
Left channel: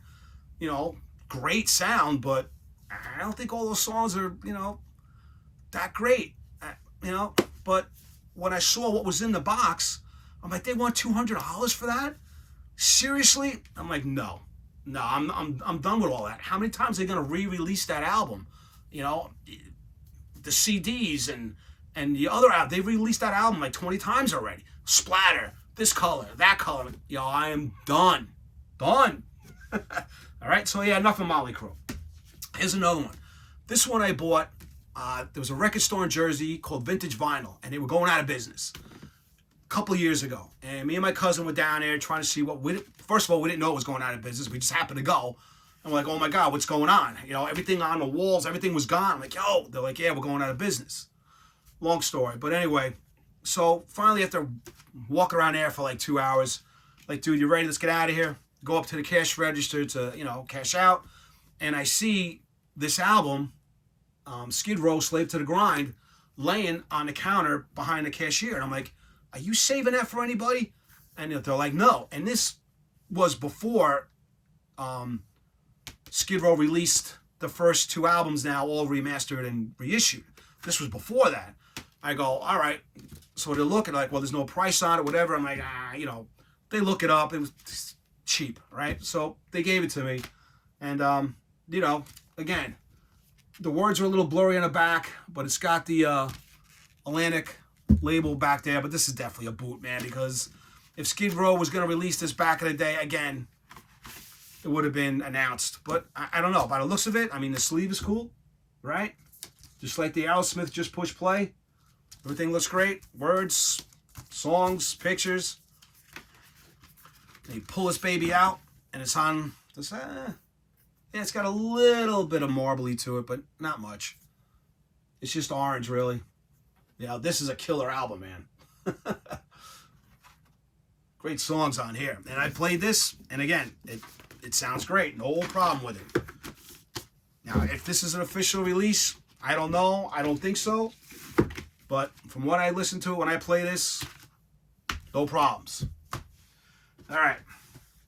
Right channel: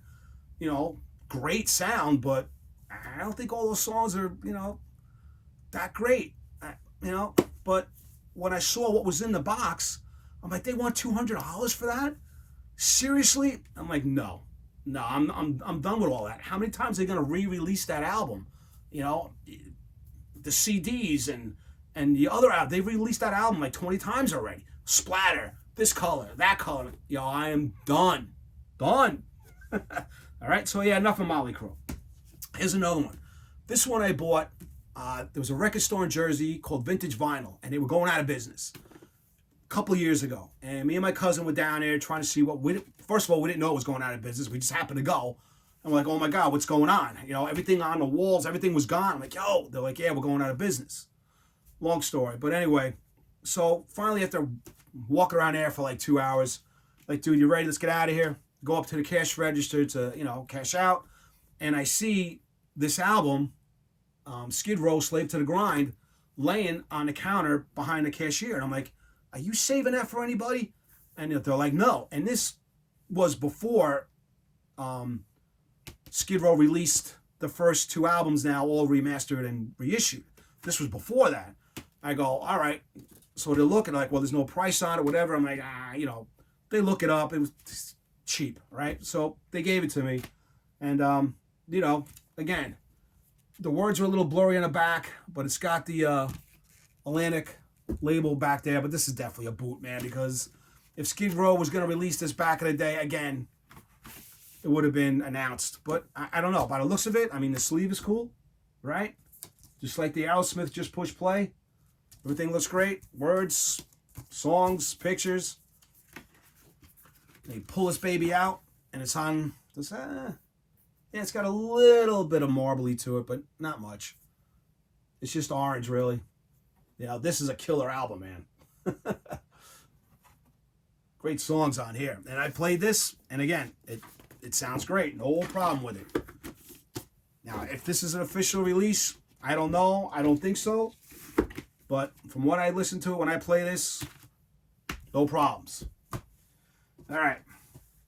you know, great sound, but I don't think all those songs are, you know, that great. You know, but when I saw what was in the box, I'm like, they want $200 for that? Seriously? I'm like, no, I'm done with all that. How many times are they gonna re-release that album? You know, the CDs and the other album, they've released that album like 20 times already. Splatter, this color, that color. Yo, I am done. Done. All right, so yeah, enough of Motley Crue. Here's another one. This one I bought. There was a record store in Jersey called Vintage Vinyl, and they were going out of business a couple of years ago. And me and my cousin were down there trying to see first of all, we didn't know it was going out of business. We just happened to go. I'm like, oh my God, what's going on? You know, everything on the walls, everything was gone. I'm like, yo, they're like, yeah, we're going out of business. Long story. But anyway, so finally after walking around there for like 2 hours, like, dude, you ready? Let's get out of here. Go up to the cash register to, you know, cash out. And I see this album, Skid Row, Slave to the Grind, laying on the counter behind the cashier. And I'm like, are you saving that for anybody? And they're like, no. And this was before Skid Row released the first 2 albums now all remastered and reissued. This was before that. I go, all right. So they're looking like, well, there's no price on it, whatever. I'm like, you know, they look it up. It was cheap, right? So they gave it to me. And, you know, again, the words are a little blurry in the back, but it's got the Atlantic label back there. But this is definitely a boot, man, because if Skid Row was going to release this back in the day, again, it would have been announced. But I don't know. By the looks of it, I mean, the sleeve is cool, right? Just like the Aerosmith Just Push Play. Everything looks great. Words, songs, pictures. They pull this baby out, and it's on this. Yeah, it's got a little bit of marbly to it, but not much. It's just orange, really. You know, this is a killer album, man. Great songs on here. And I played this, and again, it sounds great. No problem with it. Now, if this is an official release, I don't know. I don't think so. But from what I listen to when I play this, no problems. All right.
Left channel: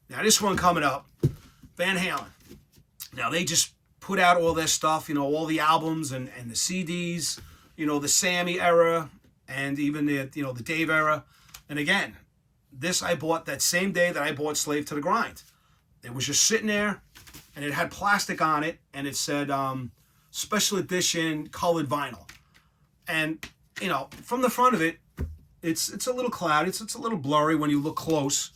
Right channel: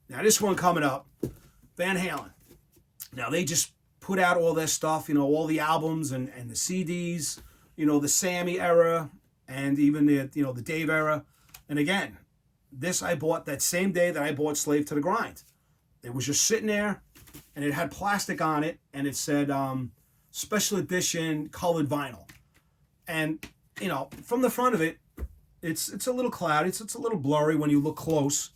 Now, this one coming up, Van Halen. Now, they just put out all this stuff, you know, all the albums and the CDs, you know, the Sammy era and even the, you know, the Dave era. And again, this I bought that same day that I bought Slave to the Grind. It was just sitting there, and it had plastic on it, and it said special edition colored vinyl. And, you know, from the front of it, it's a little cloudy. It's a little blurry when you look close.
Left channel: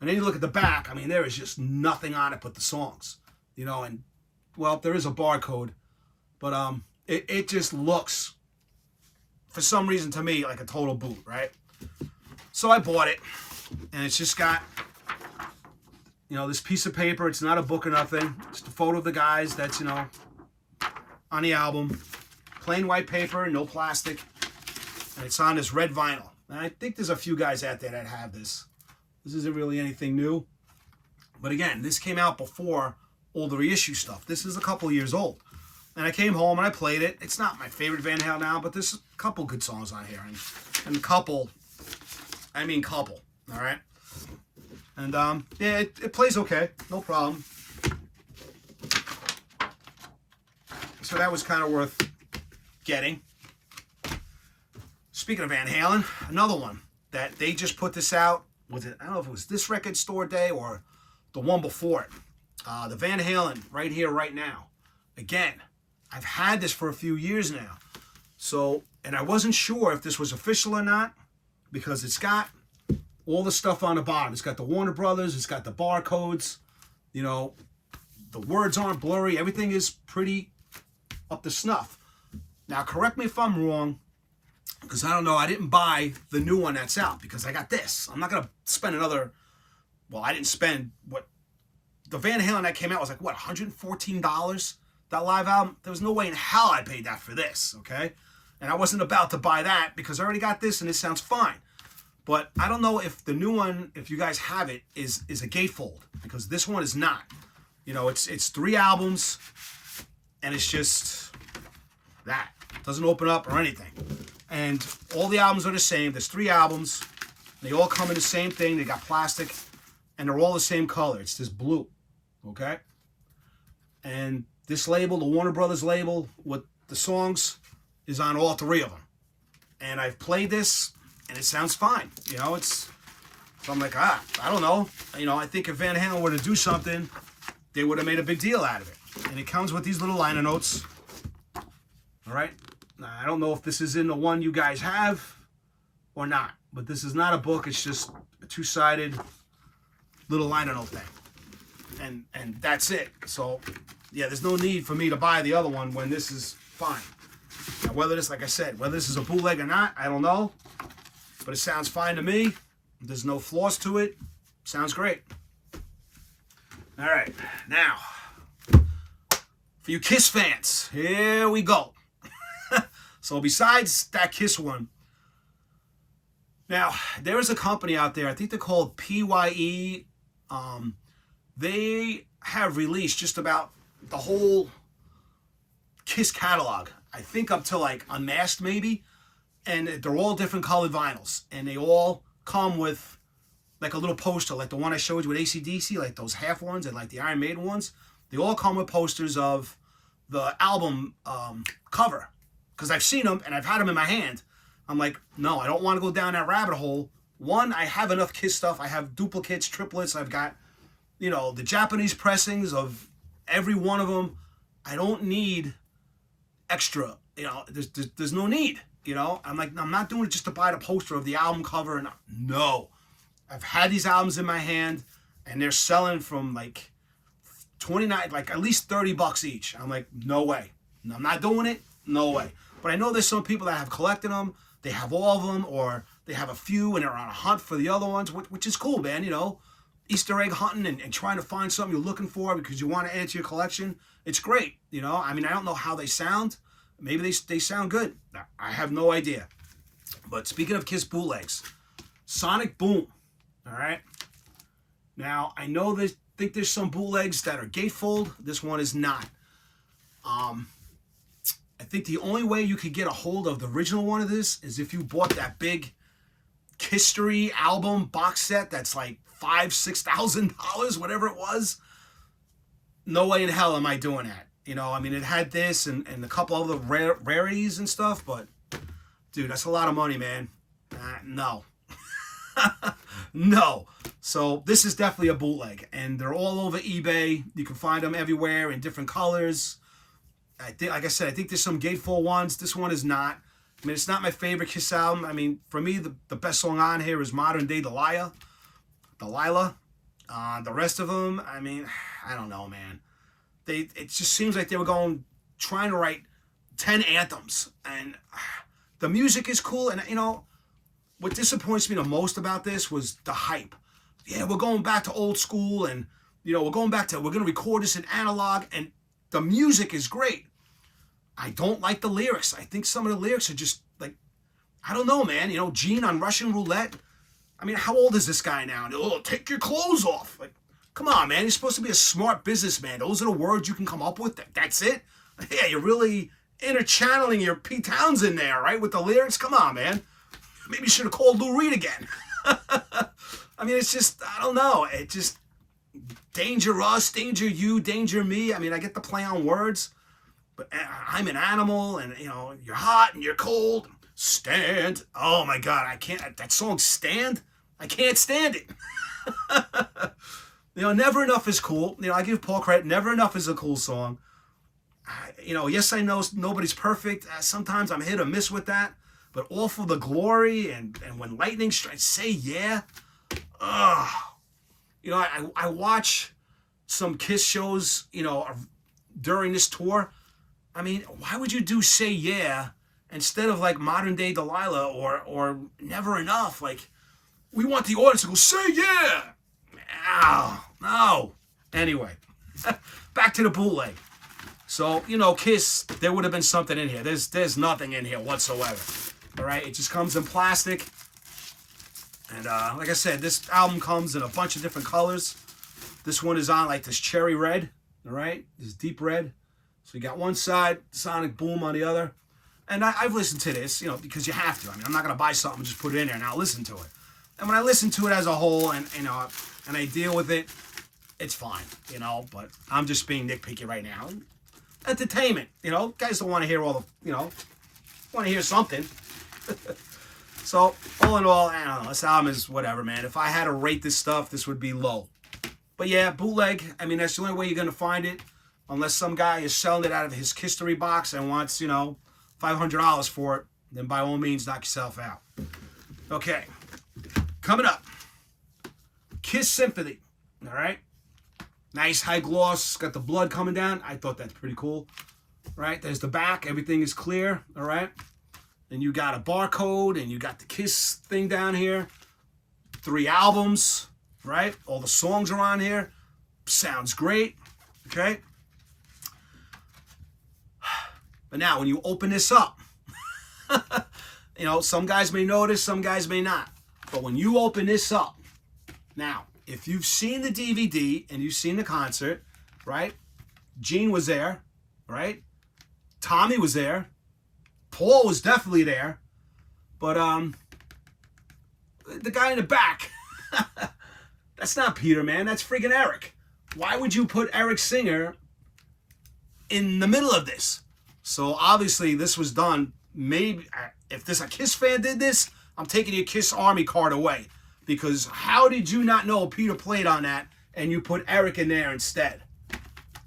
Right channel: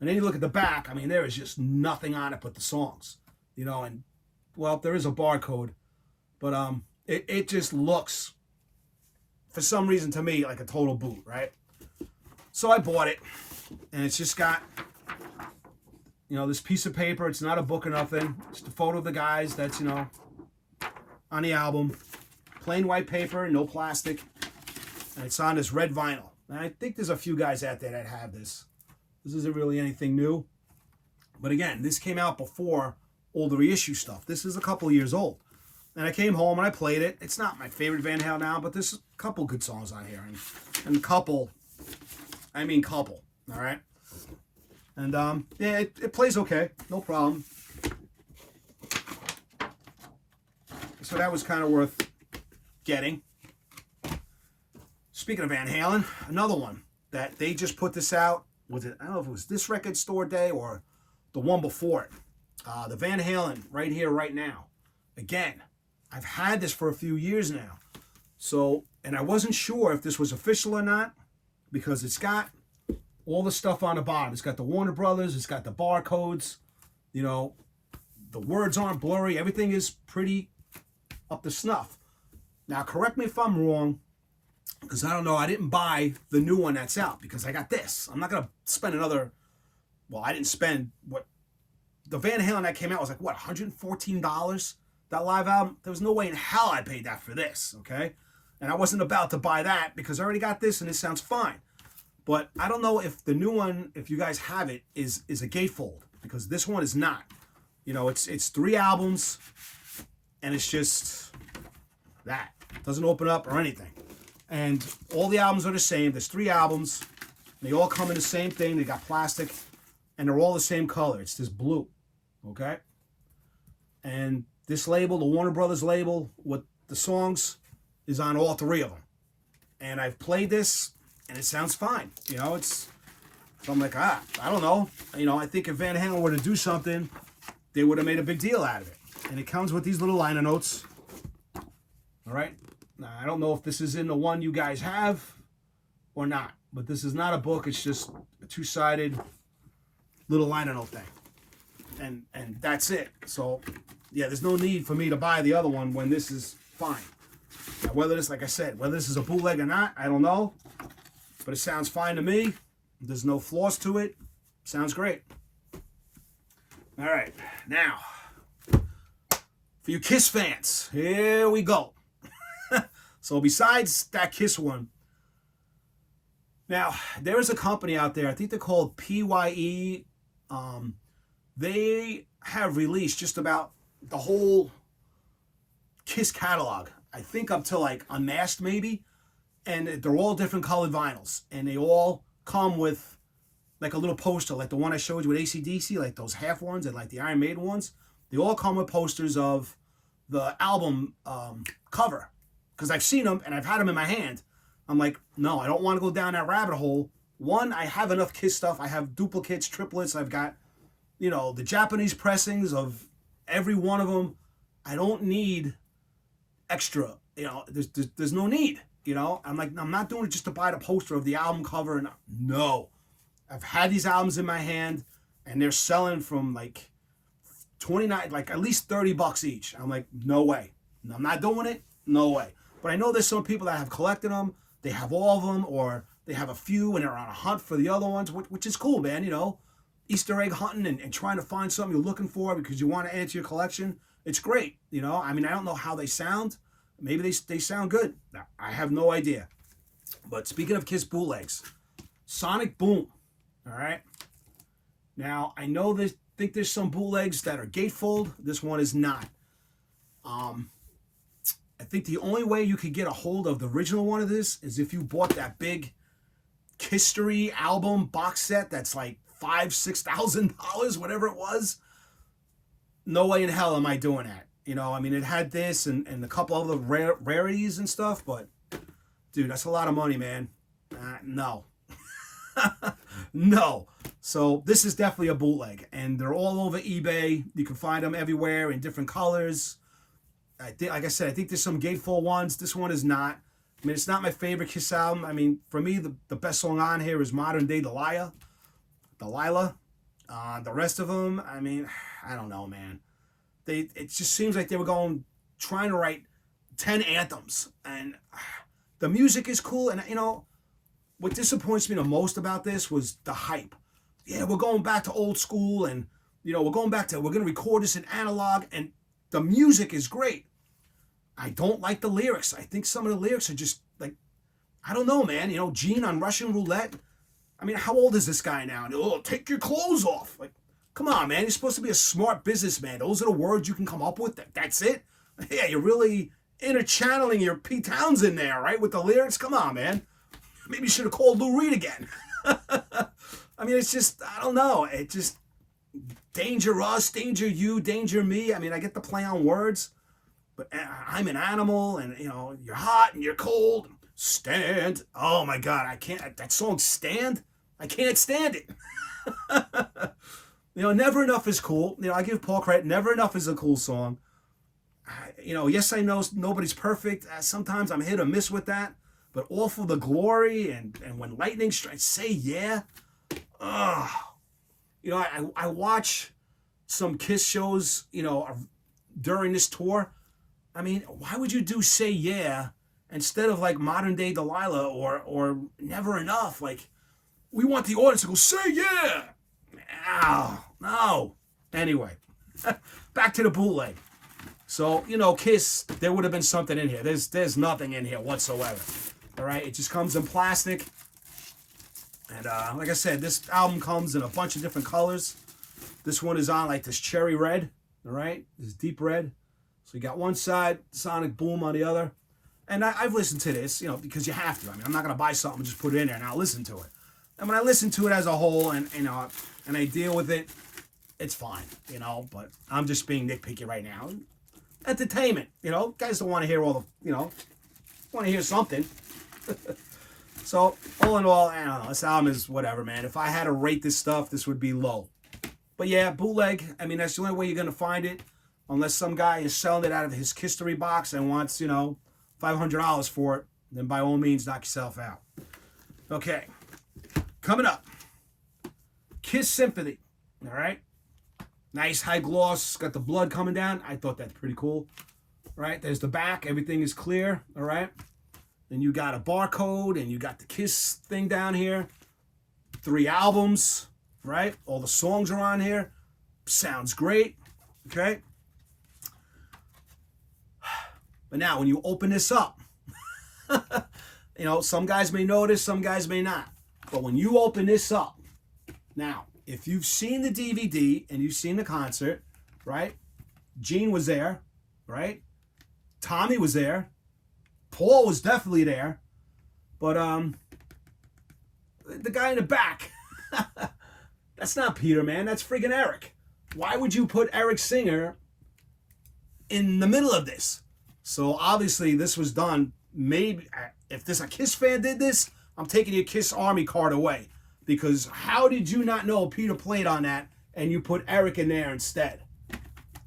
And then you look at the back. I mean, there is just nothing on it but the songs. You know, and, well, there is a barcode. But it just looks, for some reason to me, like a total boot, right? So I bought it. And it's just got, you know, this piece of paper. It's not a book or nothing. Just a photo of the guys that's, you know, on the album. Plain white paper, no plastic. And it's on this red vinyl. And I think there's a few guys out there that have this. This isn't really anything new. But again, this came out before all the reissue stuff. This is a couple years old. And I came home and I played it. It's not my favorite Van Halen now, but there's a couple good songs on here. And a couple, I mean couple, all right? And yeah, it plays okay. No problem. So that was kind of worth getting. Speaking of Van Halen, another one that they just put this out. Was it? I don't know if it was this record store day or the one before it. The Van Halen right here, right now. Again, I've had this for a few years now. So, and I wasn't sure if this was official or not because it's got all the stuff on the bottom. It's got the Warner Brothers. It's got the barcodes. You know, the words aren't blurry. Everything is pretty up to snuff. Now, correct me if I'm wrong, because I don't know. I didn't buy the new one that's out because I got this. I'm not going to spend another, well, I didn't spend what, the Van Halen that came out was like, what, $114? That live album? There was no way in hell I paid that for this, okay? And I wasn't about to buy that because I already got this and it sounds fine. But I don't know if the new one, if you guys have it, is a gatefold because this one is not. You know, it's 3 albums and it's just that. It doesn't open up or anything. And all the albums are the same. There's 3 albums. They all come in the same thing. They got plastic and they're all the same color. It's this blue, okay? And this label, the Warner Brothers label with the songs, is on all 3 of them. And I've played this, and it sounds fine. You know, it's, so I'm like, I don't know. You know, I think if Van Halen were to do something, they would have made a big deal out of it. And it comes with these little liner notes. All right? Now, I don't know if this is in the one you guys have or not. But this is not a book. It's just a 2-sided little liner note thing. And that's it. So, yeah, there's no need for me to buy the other one when this is fine. Now, whether this, like I said, whether this is a bootleg or not, I don't know. But it sounds fine to me. There's no flaws to it. Sounds great. All right. Now, for you Kiss fans, here we go. So besides that Kiss one, now, there is a company out there, I think they're called PYE. They have released just about the whole Kiss catalog. I think up to like Unmasked maybe. And they're all different colored vinyls. And they all come with like a little poster, like the one I showed you with AC/DC, like those half ones and like the Iron Maiden ones. They all come with posters of the album cover, because I've seen them and I've had them in my hand. I'm like, no, I don't want to go down that rabbit hole. One, I have enough Kiss stuff. I have duplicates, triplets. I've got, the Japanese pressings of every one of them. I don't need extra. There's no need. I'm like, I'm not doing it just to buy the poster of the album cover. And no, I've had these albums in my hand, and they're selling from like 29, like at least $30 each. I'm like, no way. I'm not doing it. No way. But I know there's some people that have collected them. They have all of them, or they have a few and they're on a hunt for the other ones, which is cool, man. Easter egg hunting and trying to find something you're looking for because you want to add to your collection. It's great. I don't know how they sound. Maybe they sound good. I have no idea. But speaking of Kiss bootlegs, Sonic Boom. All right. Now, I know think there's some bootlegs that are gatefold. This one is not. I think the only way you could get a hold of the original one of this is if you bought that big History album box set that's like $5,000-$6,000, whatever it was. No way in hell am I doing that. It had this and a couple of the rarities and stuff, but dude, that's a lot of money, man. No. No. So this is definitely a bootleg, and they're all over eBay. You can find them everywhere in different colors. Like I said, I think there's some gatefold ones. This one is not. It's not my favorite Kiss album. For me, the best song on here is Modern Day Delilah. The rest of them, I don't know, man. It just seems like they were trying to write 10 anthems. And the music is cool. And, what disappoints me the most about this was the hype. Yeah, we're going back to old school, and, we're going to record this in analog, and the music is great. I don't like the lyrics. I think some of the lyrics are just like, I don't know, man. Gene on Russian Roulette. How old is this guy now? Oh, take your clothes off. Like, come on, man. You're supposed to be a smart businessman. Those are the words you can come up with. That's it. Yeah, you're really interchanneling your Pete Townsend there, right? With the lyrics. Come on, man. Maybe you should have called Lou Reed again. It's just, I don't know. It just, danger us, danger you, danger me. I get the play on words. But I'm an animal, and, you're hot and you're cold. Stand. Oh, my God. I can't. That song, Stand, I can't stand it. Never Enough is cool. I give Paul credit. Never Enough is a cool song. Yes, I know nobody's perfect. Sometimes I'm hit or miss with that. But All for the Glory and When Lightning Strikes, Say Yeah. I watch some Kiss shows, during this tour. Why would you do Say Yeah instead of like Modern Day Delilah or Never Enough? Like, we want the audience to go, say yeah. Ow, no. Anyway, back to the bootleg. So, Kiss, there would have been something in here. There's nothing in here whatsoever. All right, it just comes in plastic. And like I said, this album comes in a bunch of different colors. This one is on like this cherry red, all right? This deep red. So you got one side, Sonic Boom on the other. And I've listened to this, because you have to. I'm not going to buy something and just put it in there and I'll listen to it. And when I listen to it as a whole and I deal with it, it's fine, But I'm just being nitpicky right now. Entertainment, guys don't want to hear all the, want to hear something. So, all in all, I don't know. This album is whatever, man. If I had to rate this stuff, this would be low. But yeah, bootleg, that's the only way you're going to find it. Unless some guy is selling it out of his history box and wants, $500 for it, then by all means, knock yourself out. Okay. Coming up. Kiss Sympathy. All right. Nice high gloss. Got the blood coming down. I thought that's pretty cool. All right. There's the back. Everything is clear. All right. Then you got a barcode and you got the Kiss thing down here. 3 albums. Right. All the songs are on here. Sounds great. Okay. But now, when you open this up, some guys may notice, some guys may not. But when you open this up, now, if you've seen the DVD and you've seen the concert, right? Gene was there, right? Tommy was there. Paul was definitely there. But the guy in the back, that's not Peter, man. That's friggin' Eric. Why would you put Eric Singer in the middle of this. So obviously this was done. Maybe if this a Kiss fan did this, I'm taking your Kiss Army card away. Because how did you not know Peter played on that and you put Eric in there instead?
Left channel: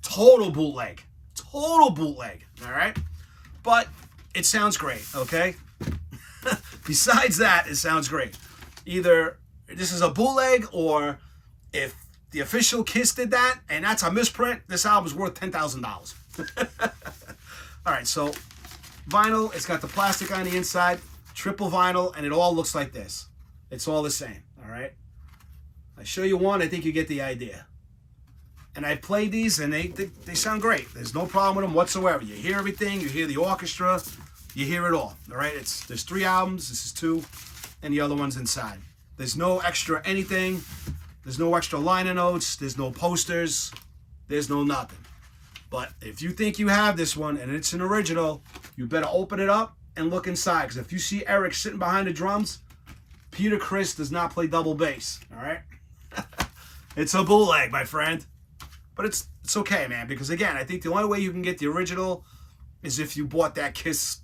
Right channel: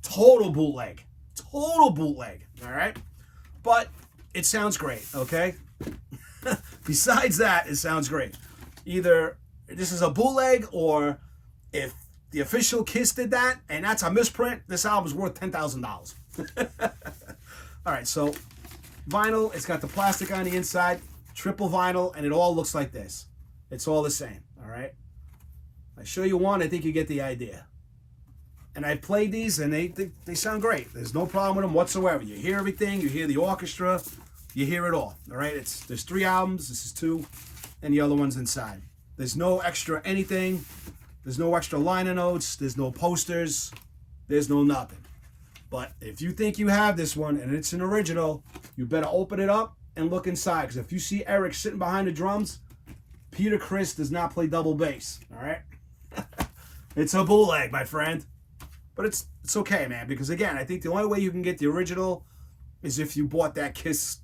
Total bootleg. Total bootleg. All right? But it sounds great, okay? Besides that, it sounds great. Either this is a bootleg, or if the official Kiss did that and that's a misprint, this album's worth $10,000. All right, so vinyl, it's got the plastic on the inside, triple vinyl, and it all looks like this. It's all the same, all right? I show you one, I think you get the idea. And I played these, and they sound great. There's no problem with them whatsoever. You hear everything. You hear the orchestra. You hear it all. All right? There's 3 albums. This is 2, and the other one's inside. There's no extra anything. There's no extra liner notes. There's no posters. There's no nothing. But if you think you have this one, and it's an original, you better open it up and look inside. Because if you see Eric sitting behind the drums, Peter Criss does not play double bass. All right? It's a bootleg, my friend. But it's okay, man, because again, I think the only way you can get the original is if you bought that Kiss,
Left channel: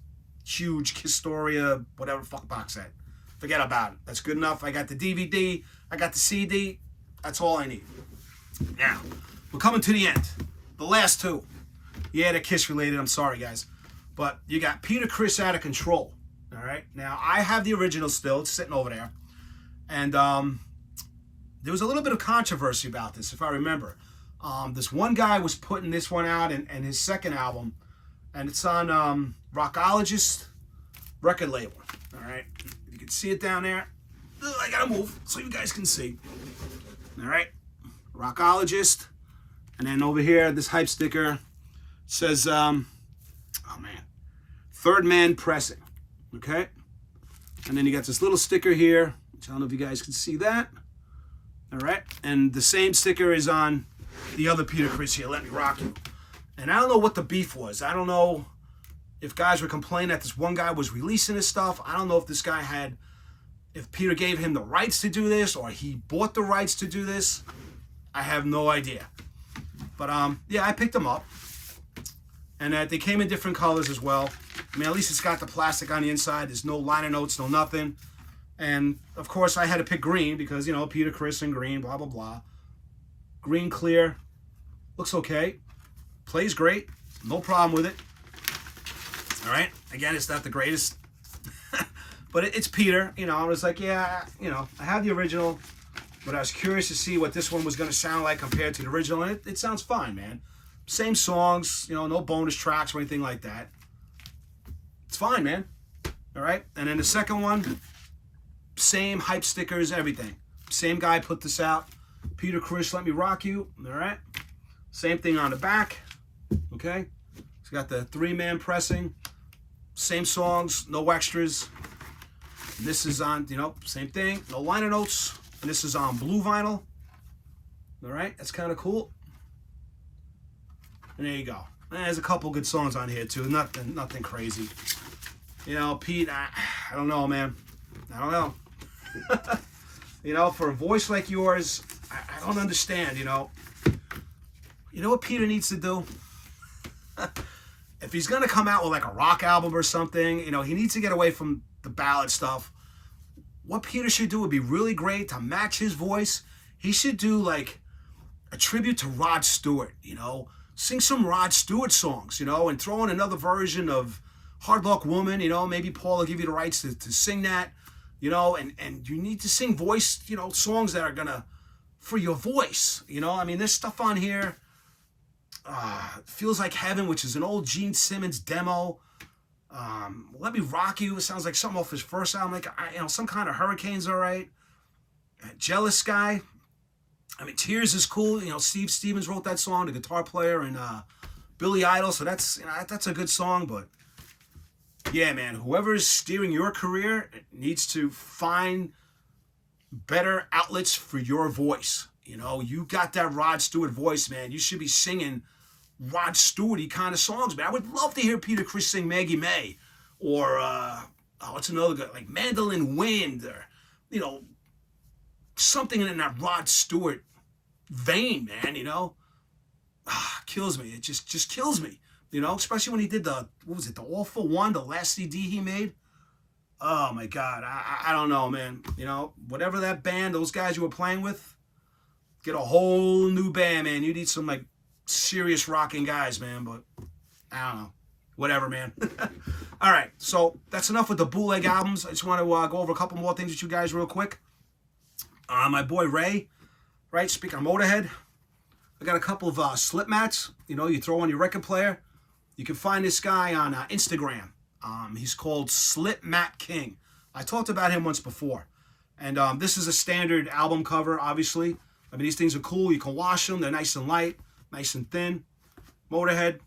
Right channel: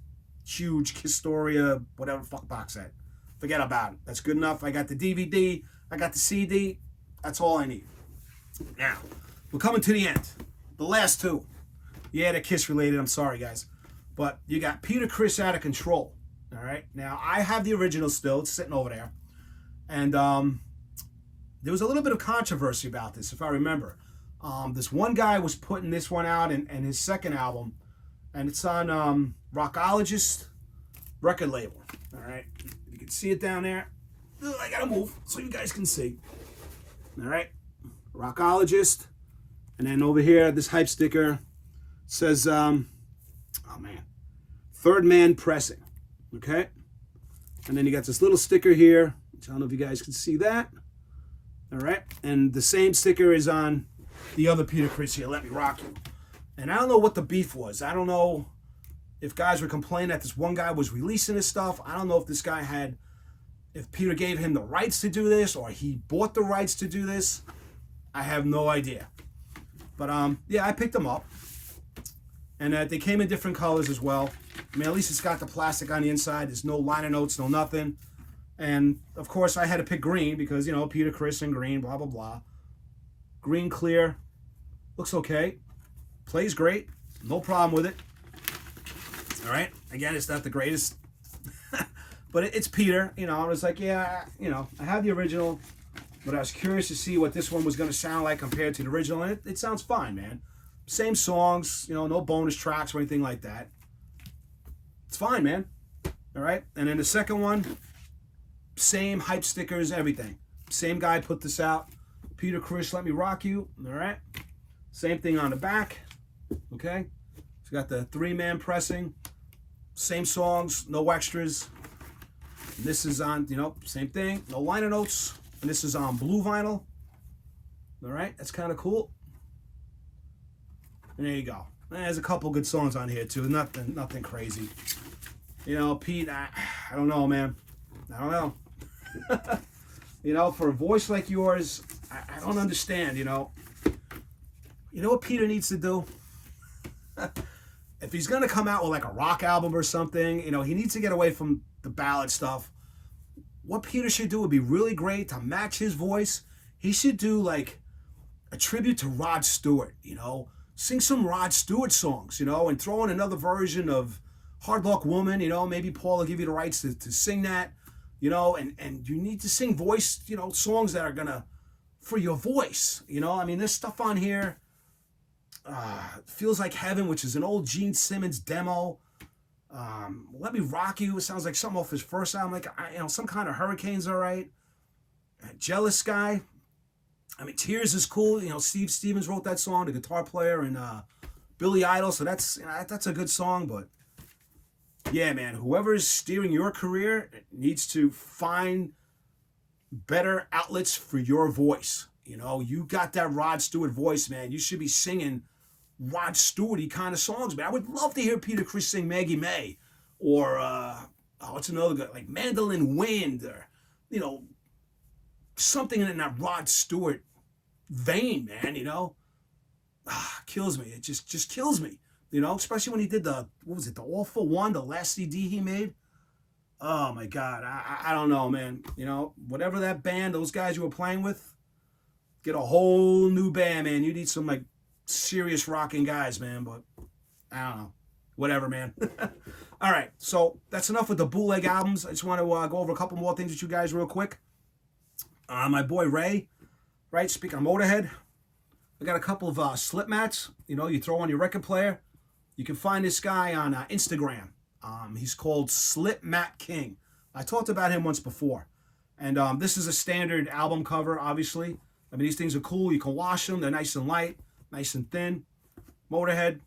huge Kisstoria, whatever fuck box set. Forget about it. That's good enough. I got the DVD. I got the CD. That's all I need. Now, we're coming to the end. The last 2. Yeah, they're Kiss related. I'm sorry, guys. But you got Peter Criss Out of Control. All right? Now, I have the original still. It's sitting over there. And there was a little bit of controversy about this, if I remember. This one guy was putting this one out in his second album, and it's on Rockologist record label. All right, you can see it down there. I gotta move so you guys can see. All right, Rockologist, and then over here this hype sticker says, oh man, Third Man Pressing. Okay, and then you got this little sticker here, which I don't know if you guys can see that. All right, and the same sticker is on the other Peter Criss here, Let Me Rock You. And I don't know what the beef was. I don't know if guys were complaining that this one guy was releasing his stuff. I don't know if this guy if Peter gave him the rights to do this, or he bought the rights to do this. I have no idea. But yeah, I picked them up. And they came in different colors as well. I mean, at least it's got the plastic on the inside. There's no liner notes, no nothing. And of course I had to pick green because, you know, Peter Criss and green, blah, blah, blah. Green clear, looks okay, plays great, no problem with it. All right, again, it's not the greatest, but it's Peter. You know, I was like, yeah, you know, I have the original, but I was curious to see what this one was going to sound like compared to the original, and it sounds fine, man. Same songs, you know, no bonus tracks or anything like that. It's fine, man. All right, and then the second one, same hype stickers, everything. Same guy put this out. Peter Criss, Let Me Rock You. All right. Same thing on the back. Okay. It's got the 3-man pressing. Same songs, no extras. This is on, you know, same thing. No liner notes. And this is on blue vinyl. All right. That's kind of cool. And there you go. And there's a couple good songs on here too. Nothing crazy. You know, Pete, I don't know, man. I don't know. You know, for a voice like yours, I don't understand, you know. You know what Peter needs to do? If he's going to come out with like a rock album or something, you know, he needs to get away from the ballad stuff. What Peter should do would be really great to match his voice. He should do like a tribute to Rod Stewart, you know. Sing some Rod Stewart songs, you know, and throw in another version of Hard Luck Woman, you know. Maybe Paul will give you the rights to sing that, you know, and you need to sing voice, you know, songs that are going to, for your voice, you know. I mean, there's stuff on here, Feels Like Heaven, which is an old Gene Simmons demo. Let Me Rock You, it sounds like something off his first album, like, you know, some kind of Hurricane's all right. Jealous Guy. I mean, Tears is cool. You know, Steve Stevens wrote that song, the guitar player, and Billy Idol. So that's, you know, that's a good song. But yeah, man, whoever's steering your career needs to find better outlets for your voice. You know, you got that Rod Stewart voice, man. You should be singing Rod Stewart-y kind of songs, man. I would love to hear Peter Criss sing Maggie May, or what's another good, like Mandolin Wind, or, you know, something in that Rod Stewart vein, man, you know. Kills me. It just kills me. You know, especially when he did the, what was it, the Awful One, the last CD he made. Oh my God, I don't know, man. You know, whatever that band, those guys you were playing with, get a whole new band, man. You need some like serious rocking guys, man. But I don't know, whatever, man. All right, so that's enough with the bootleg albums. I just want to go over a couple more things with you guys real quick. My boy Ray, right? Speaking of Motorhead, I got a couple of slip mats. You know, you throw on your record player. You can find this guy on Instagram. He's called Slip Mat King. I talked about him once before. And this is a standard album cover, obviously. I mean, these things are cool. You can wash them. They're nice and light, nice and thin. Motorhead.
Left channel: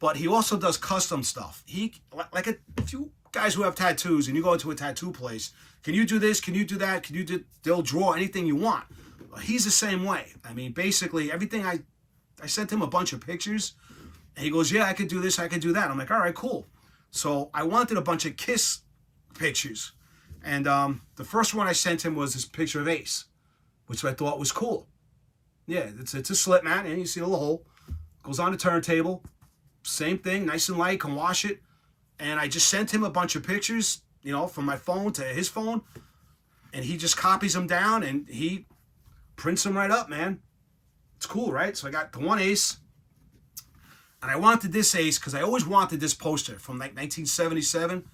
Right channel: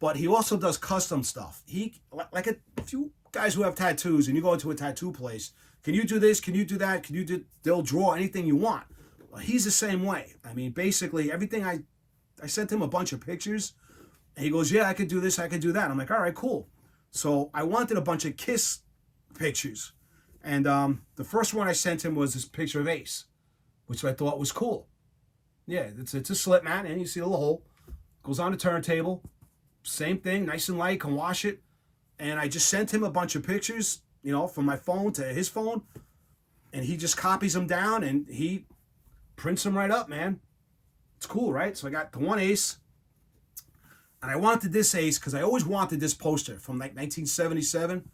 But he also does custom stuff. He, like a few guys who have tattoos, and you go into a tattoo place, can you do this? Can you do that? Can you do? They'll draw anything you want. Well, he's the same way. I mean, basically, everything I sent him a bunch of pictures. And he goes, yeah, I could do this, I could do that. I'm like, all right, cool. So I wanted a bunch of Kiss pictures. And the first one I sent him was this picture of Ace, which I thought was cool. Yeah, it's a slip mat, and you see the little hole. Goes on the turntable. Same thing, nice and light, can wash it. And I just sent him a bunch of pictures, you know, from my phone to his phone. And he just copies them down, and he prints them right up, man. It's cool, right? So I got the one Ace. And I wanted this Ace because I always wanted this poster from like 1977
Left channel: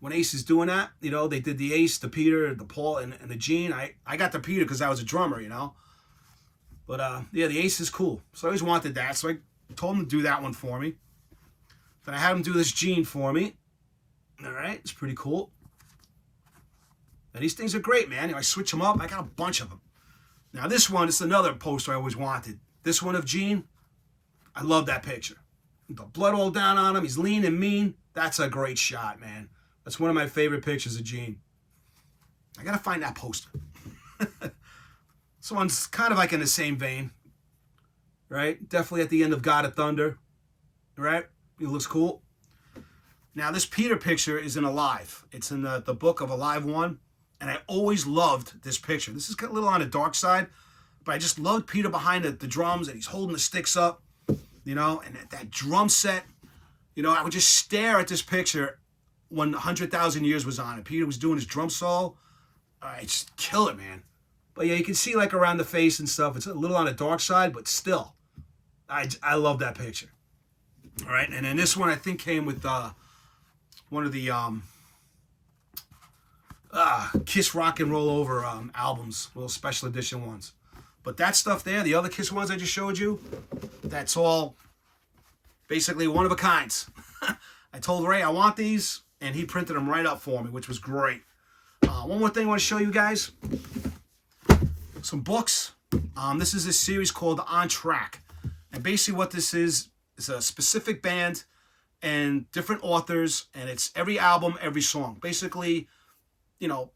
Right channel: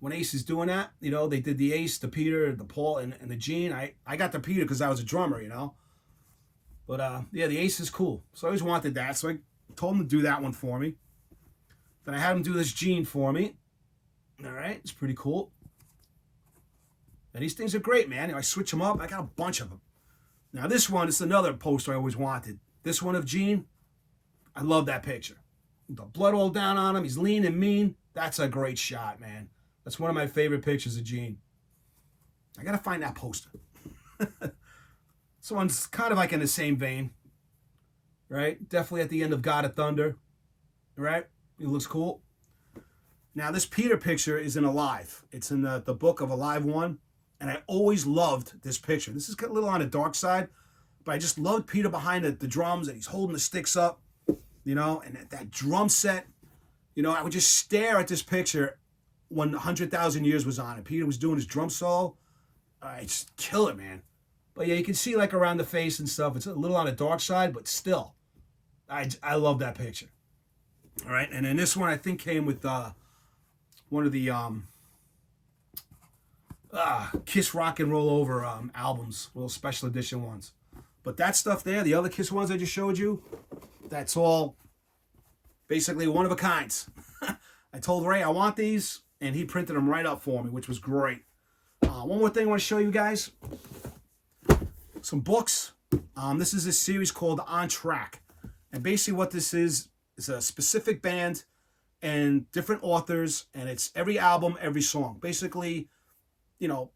when Ace is doing that. You know, they did the Ace, the Peter, the Paul, and the Gene. I got the Peter because I was a drummer, you know. But yeah, the Ace is cool. So I always wanted that. So I told him to do that one for me. Then I had him do this Gene for me. All right, it's pretty cool. And these things are great, man. You know, I switch them up. I got a bunch of them. Now this one is another poster I always wanted. This one of Gene. I love that picture. The blood all down on him. He's lean and mean. That's a great shot, man. That's one of my favorite pictures of Gene. I got to find that poster. This one's kind of like in the same vein. Right? Definitely at the end of God of Thunder. Right? It looks cool. Now, this Peter picture is in Alive. It's in the book of Alive 1. And I always loved this picture. This is a little on the dark side. But I just loved Peter behind the drums. And he's holding the sticks up. You know, and that drum set, you know, I would just stare at this picture when 100,000 Years was on. And Peter was doing his drum solo. I just kill it, man. But yeah, you can see like around the face and stuff. It's a little on the dark side, but still, I love that picture. All right, and then this one I think came with one of the Kiss Rock and Roll Over albums, little special edition ones. But that stuff there, the other Kiss ones I just showed you, that's all basically one of a kinds. I told Ray I want these, and he printed them right up for me, which was great. One more thing I want to show you guys. Some books. This is a series called On Track. And basically what this is a specific band and different authors, and it's every album, every song. Basically, you know,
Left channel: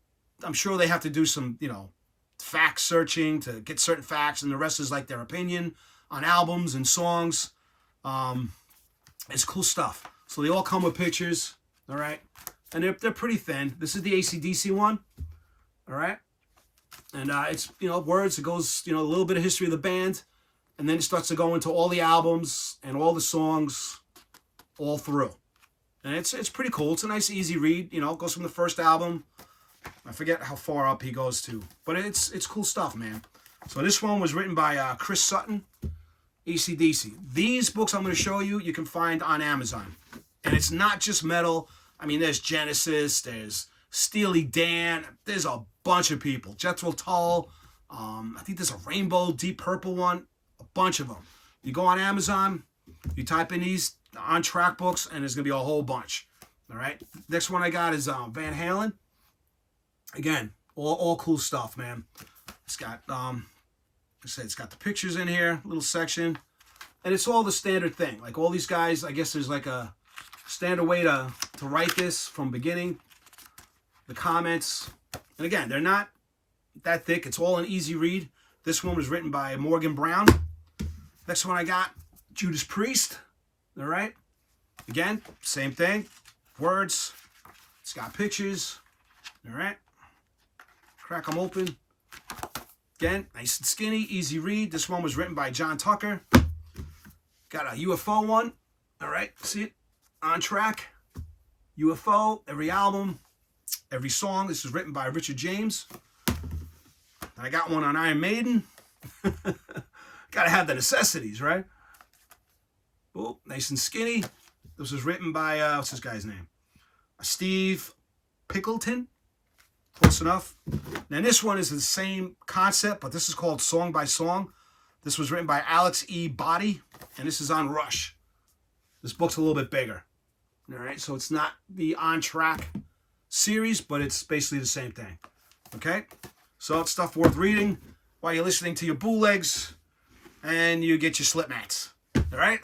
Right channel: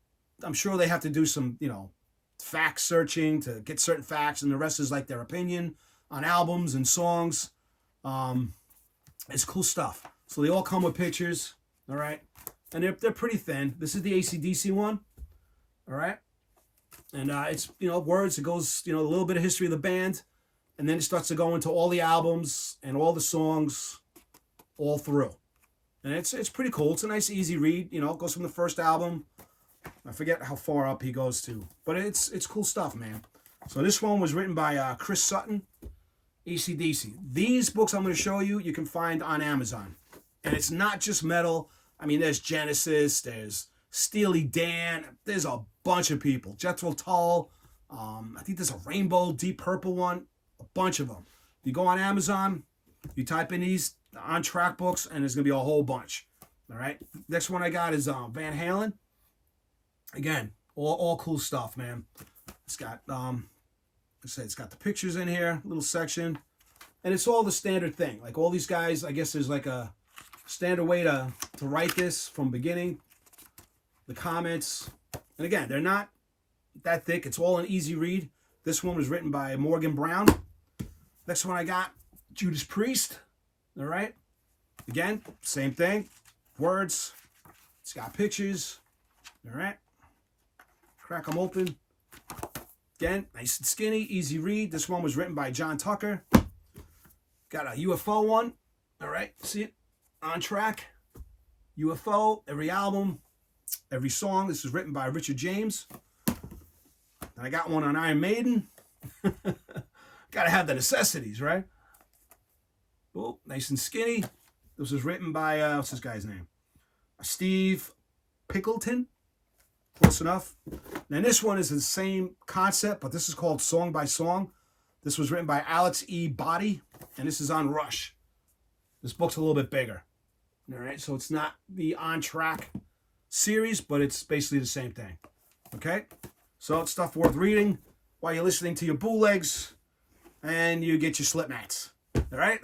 I'm sure they have to do some, you know, fact searching to get certain facts, and the rest is like their opinion on albums and songs. It's cool stuff. So they all come with pictures, all right? And they're pretty thin. This is the AC/DC one, all right? And it's, you know, words. It goes, you know, a little bit of history of the band, and then it starts to go into all the albums and all the songs all through. And it's pretty cool. It's a nice, easy read. You know, it goes from the first album. I forget how far up he goes to, but it's cool stuff, man. So this one was written by Chris Sutton, AC/DC. These books I'm going to show you, you can find on Amazon. And it's not just metal. I mean, there's Genesis, there's Steely Dan, there's a bunch of people. Jethro Tull, I think there's a Rainbow, Deep Purple one, a bunch of them. You go on Amazon, you type in these On Track books, and there's going to be a whole bunch. All right. Next one I got is Van Halen. Again, all cool stuff, man. It's got, like I said, it's got the pictures in here, little section, and it's all the standard thing. Like all these guys, I guess there's like a standard way to write this from beginning. The comments, and again, they're not that thick. It's all an easy read. This one was written by Morgan Brown. Next one I got, Judas Priest. All right. Again, same thing. Words. It's got pictures. All right. Crack them open. Again, nice and skinny, easy read. This one was written by John Tucker. Got a UFO one. All right, see it? On Track, UFO, every album, every song. This is written by Richard James. I got one on Iron Maiden. Gotta have the necessities, right? Oh, nice and skinny. This was written by, what's this guy's name? Steve Pickleton. Close enough. Now this one is the same concept, but this is called Song by Song. This was written by Alex E. Body, and this is on Rush. This book's a little bit bigger. All right, so it's not the On Track series, but it's basically the same thing. Okay, so it's stuff worth reading while you're listening to your bootlegs, and you get your slip mats. All right,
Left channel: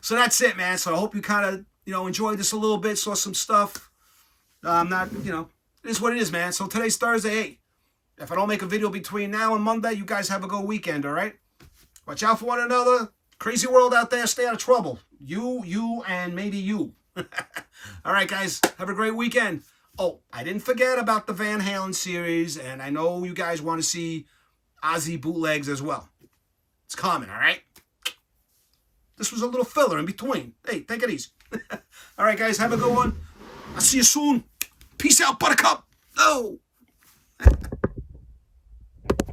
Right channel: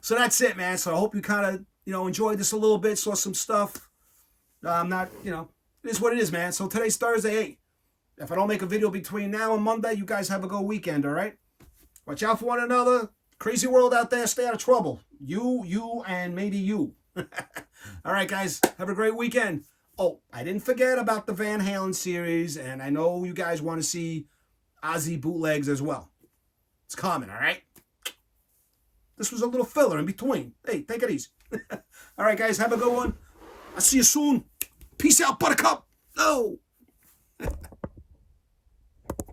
so that's it, man. So I hope you kind of enjoyed this a little bit, saw some stuff. Not it is what it is, man. So today's Thursday. Hey, if I don't make a video between now and Monday, you guys have a good weekend. All right, watch out for one another. Crazy world out there. Stay out of trouble. You, and maybe you. All right, guys. Have a great weekend. Oh, I didn't forget about the Van Halen series, and I know you guys want to see Ozzy bootlegs as well. It's coming, all right? This was a little filler in between. Hey, take it easy. All right, guys. Have a good one. I'll see you soon. Peace out, Buttercup. Oh.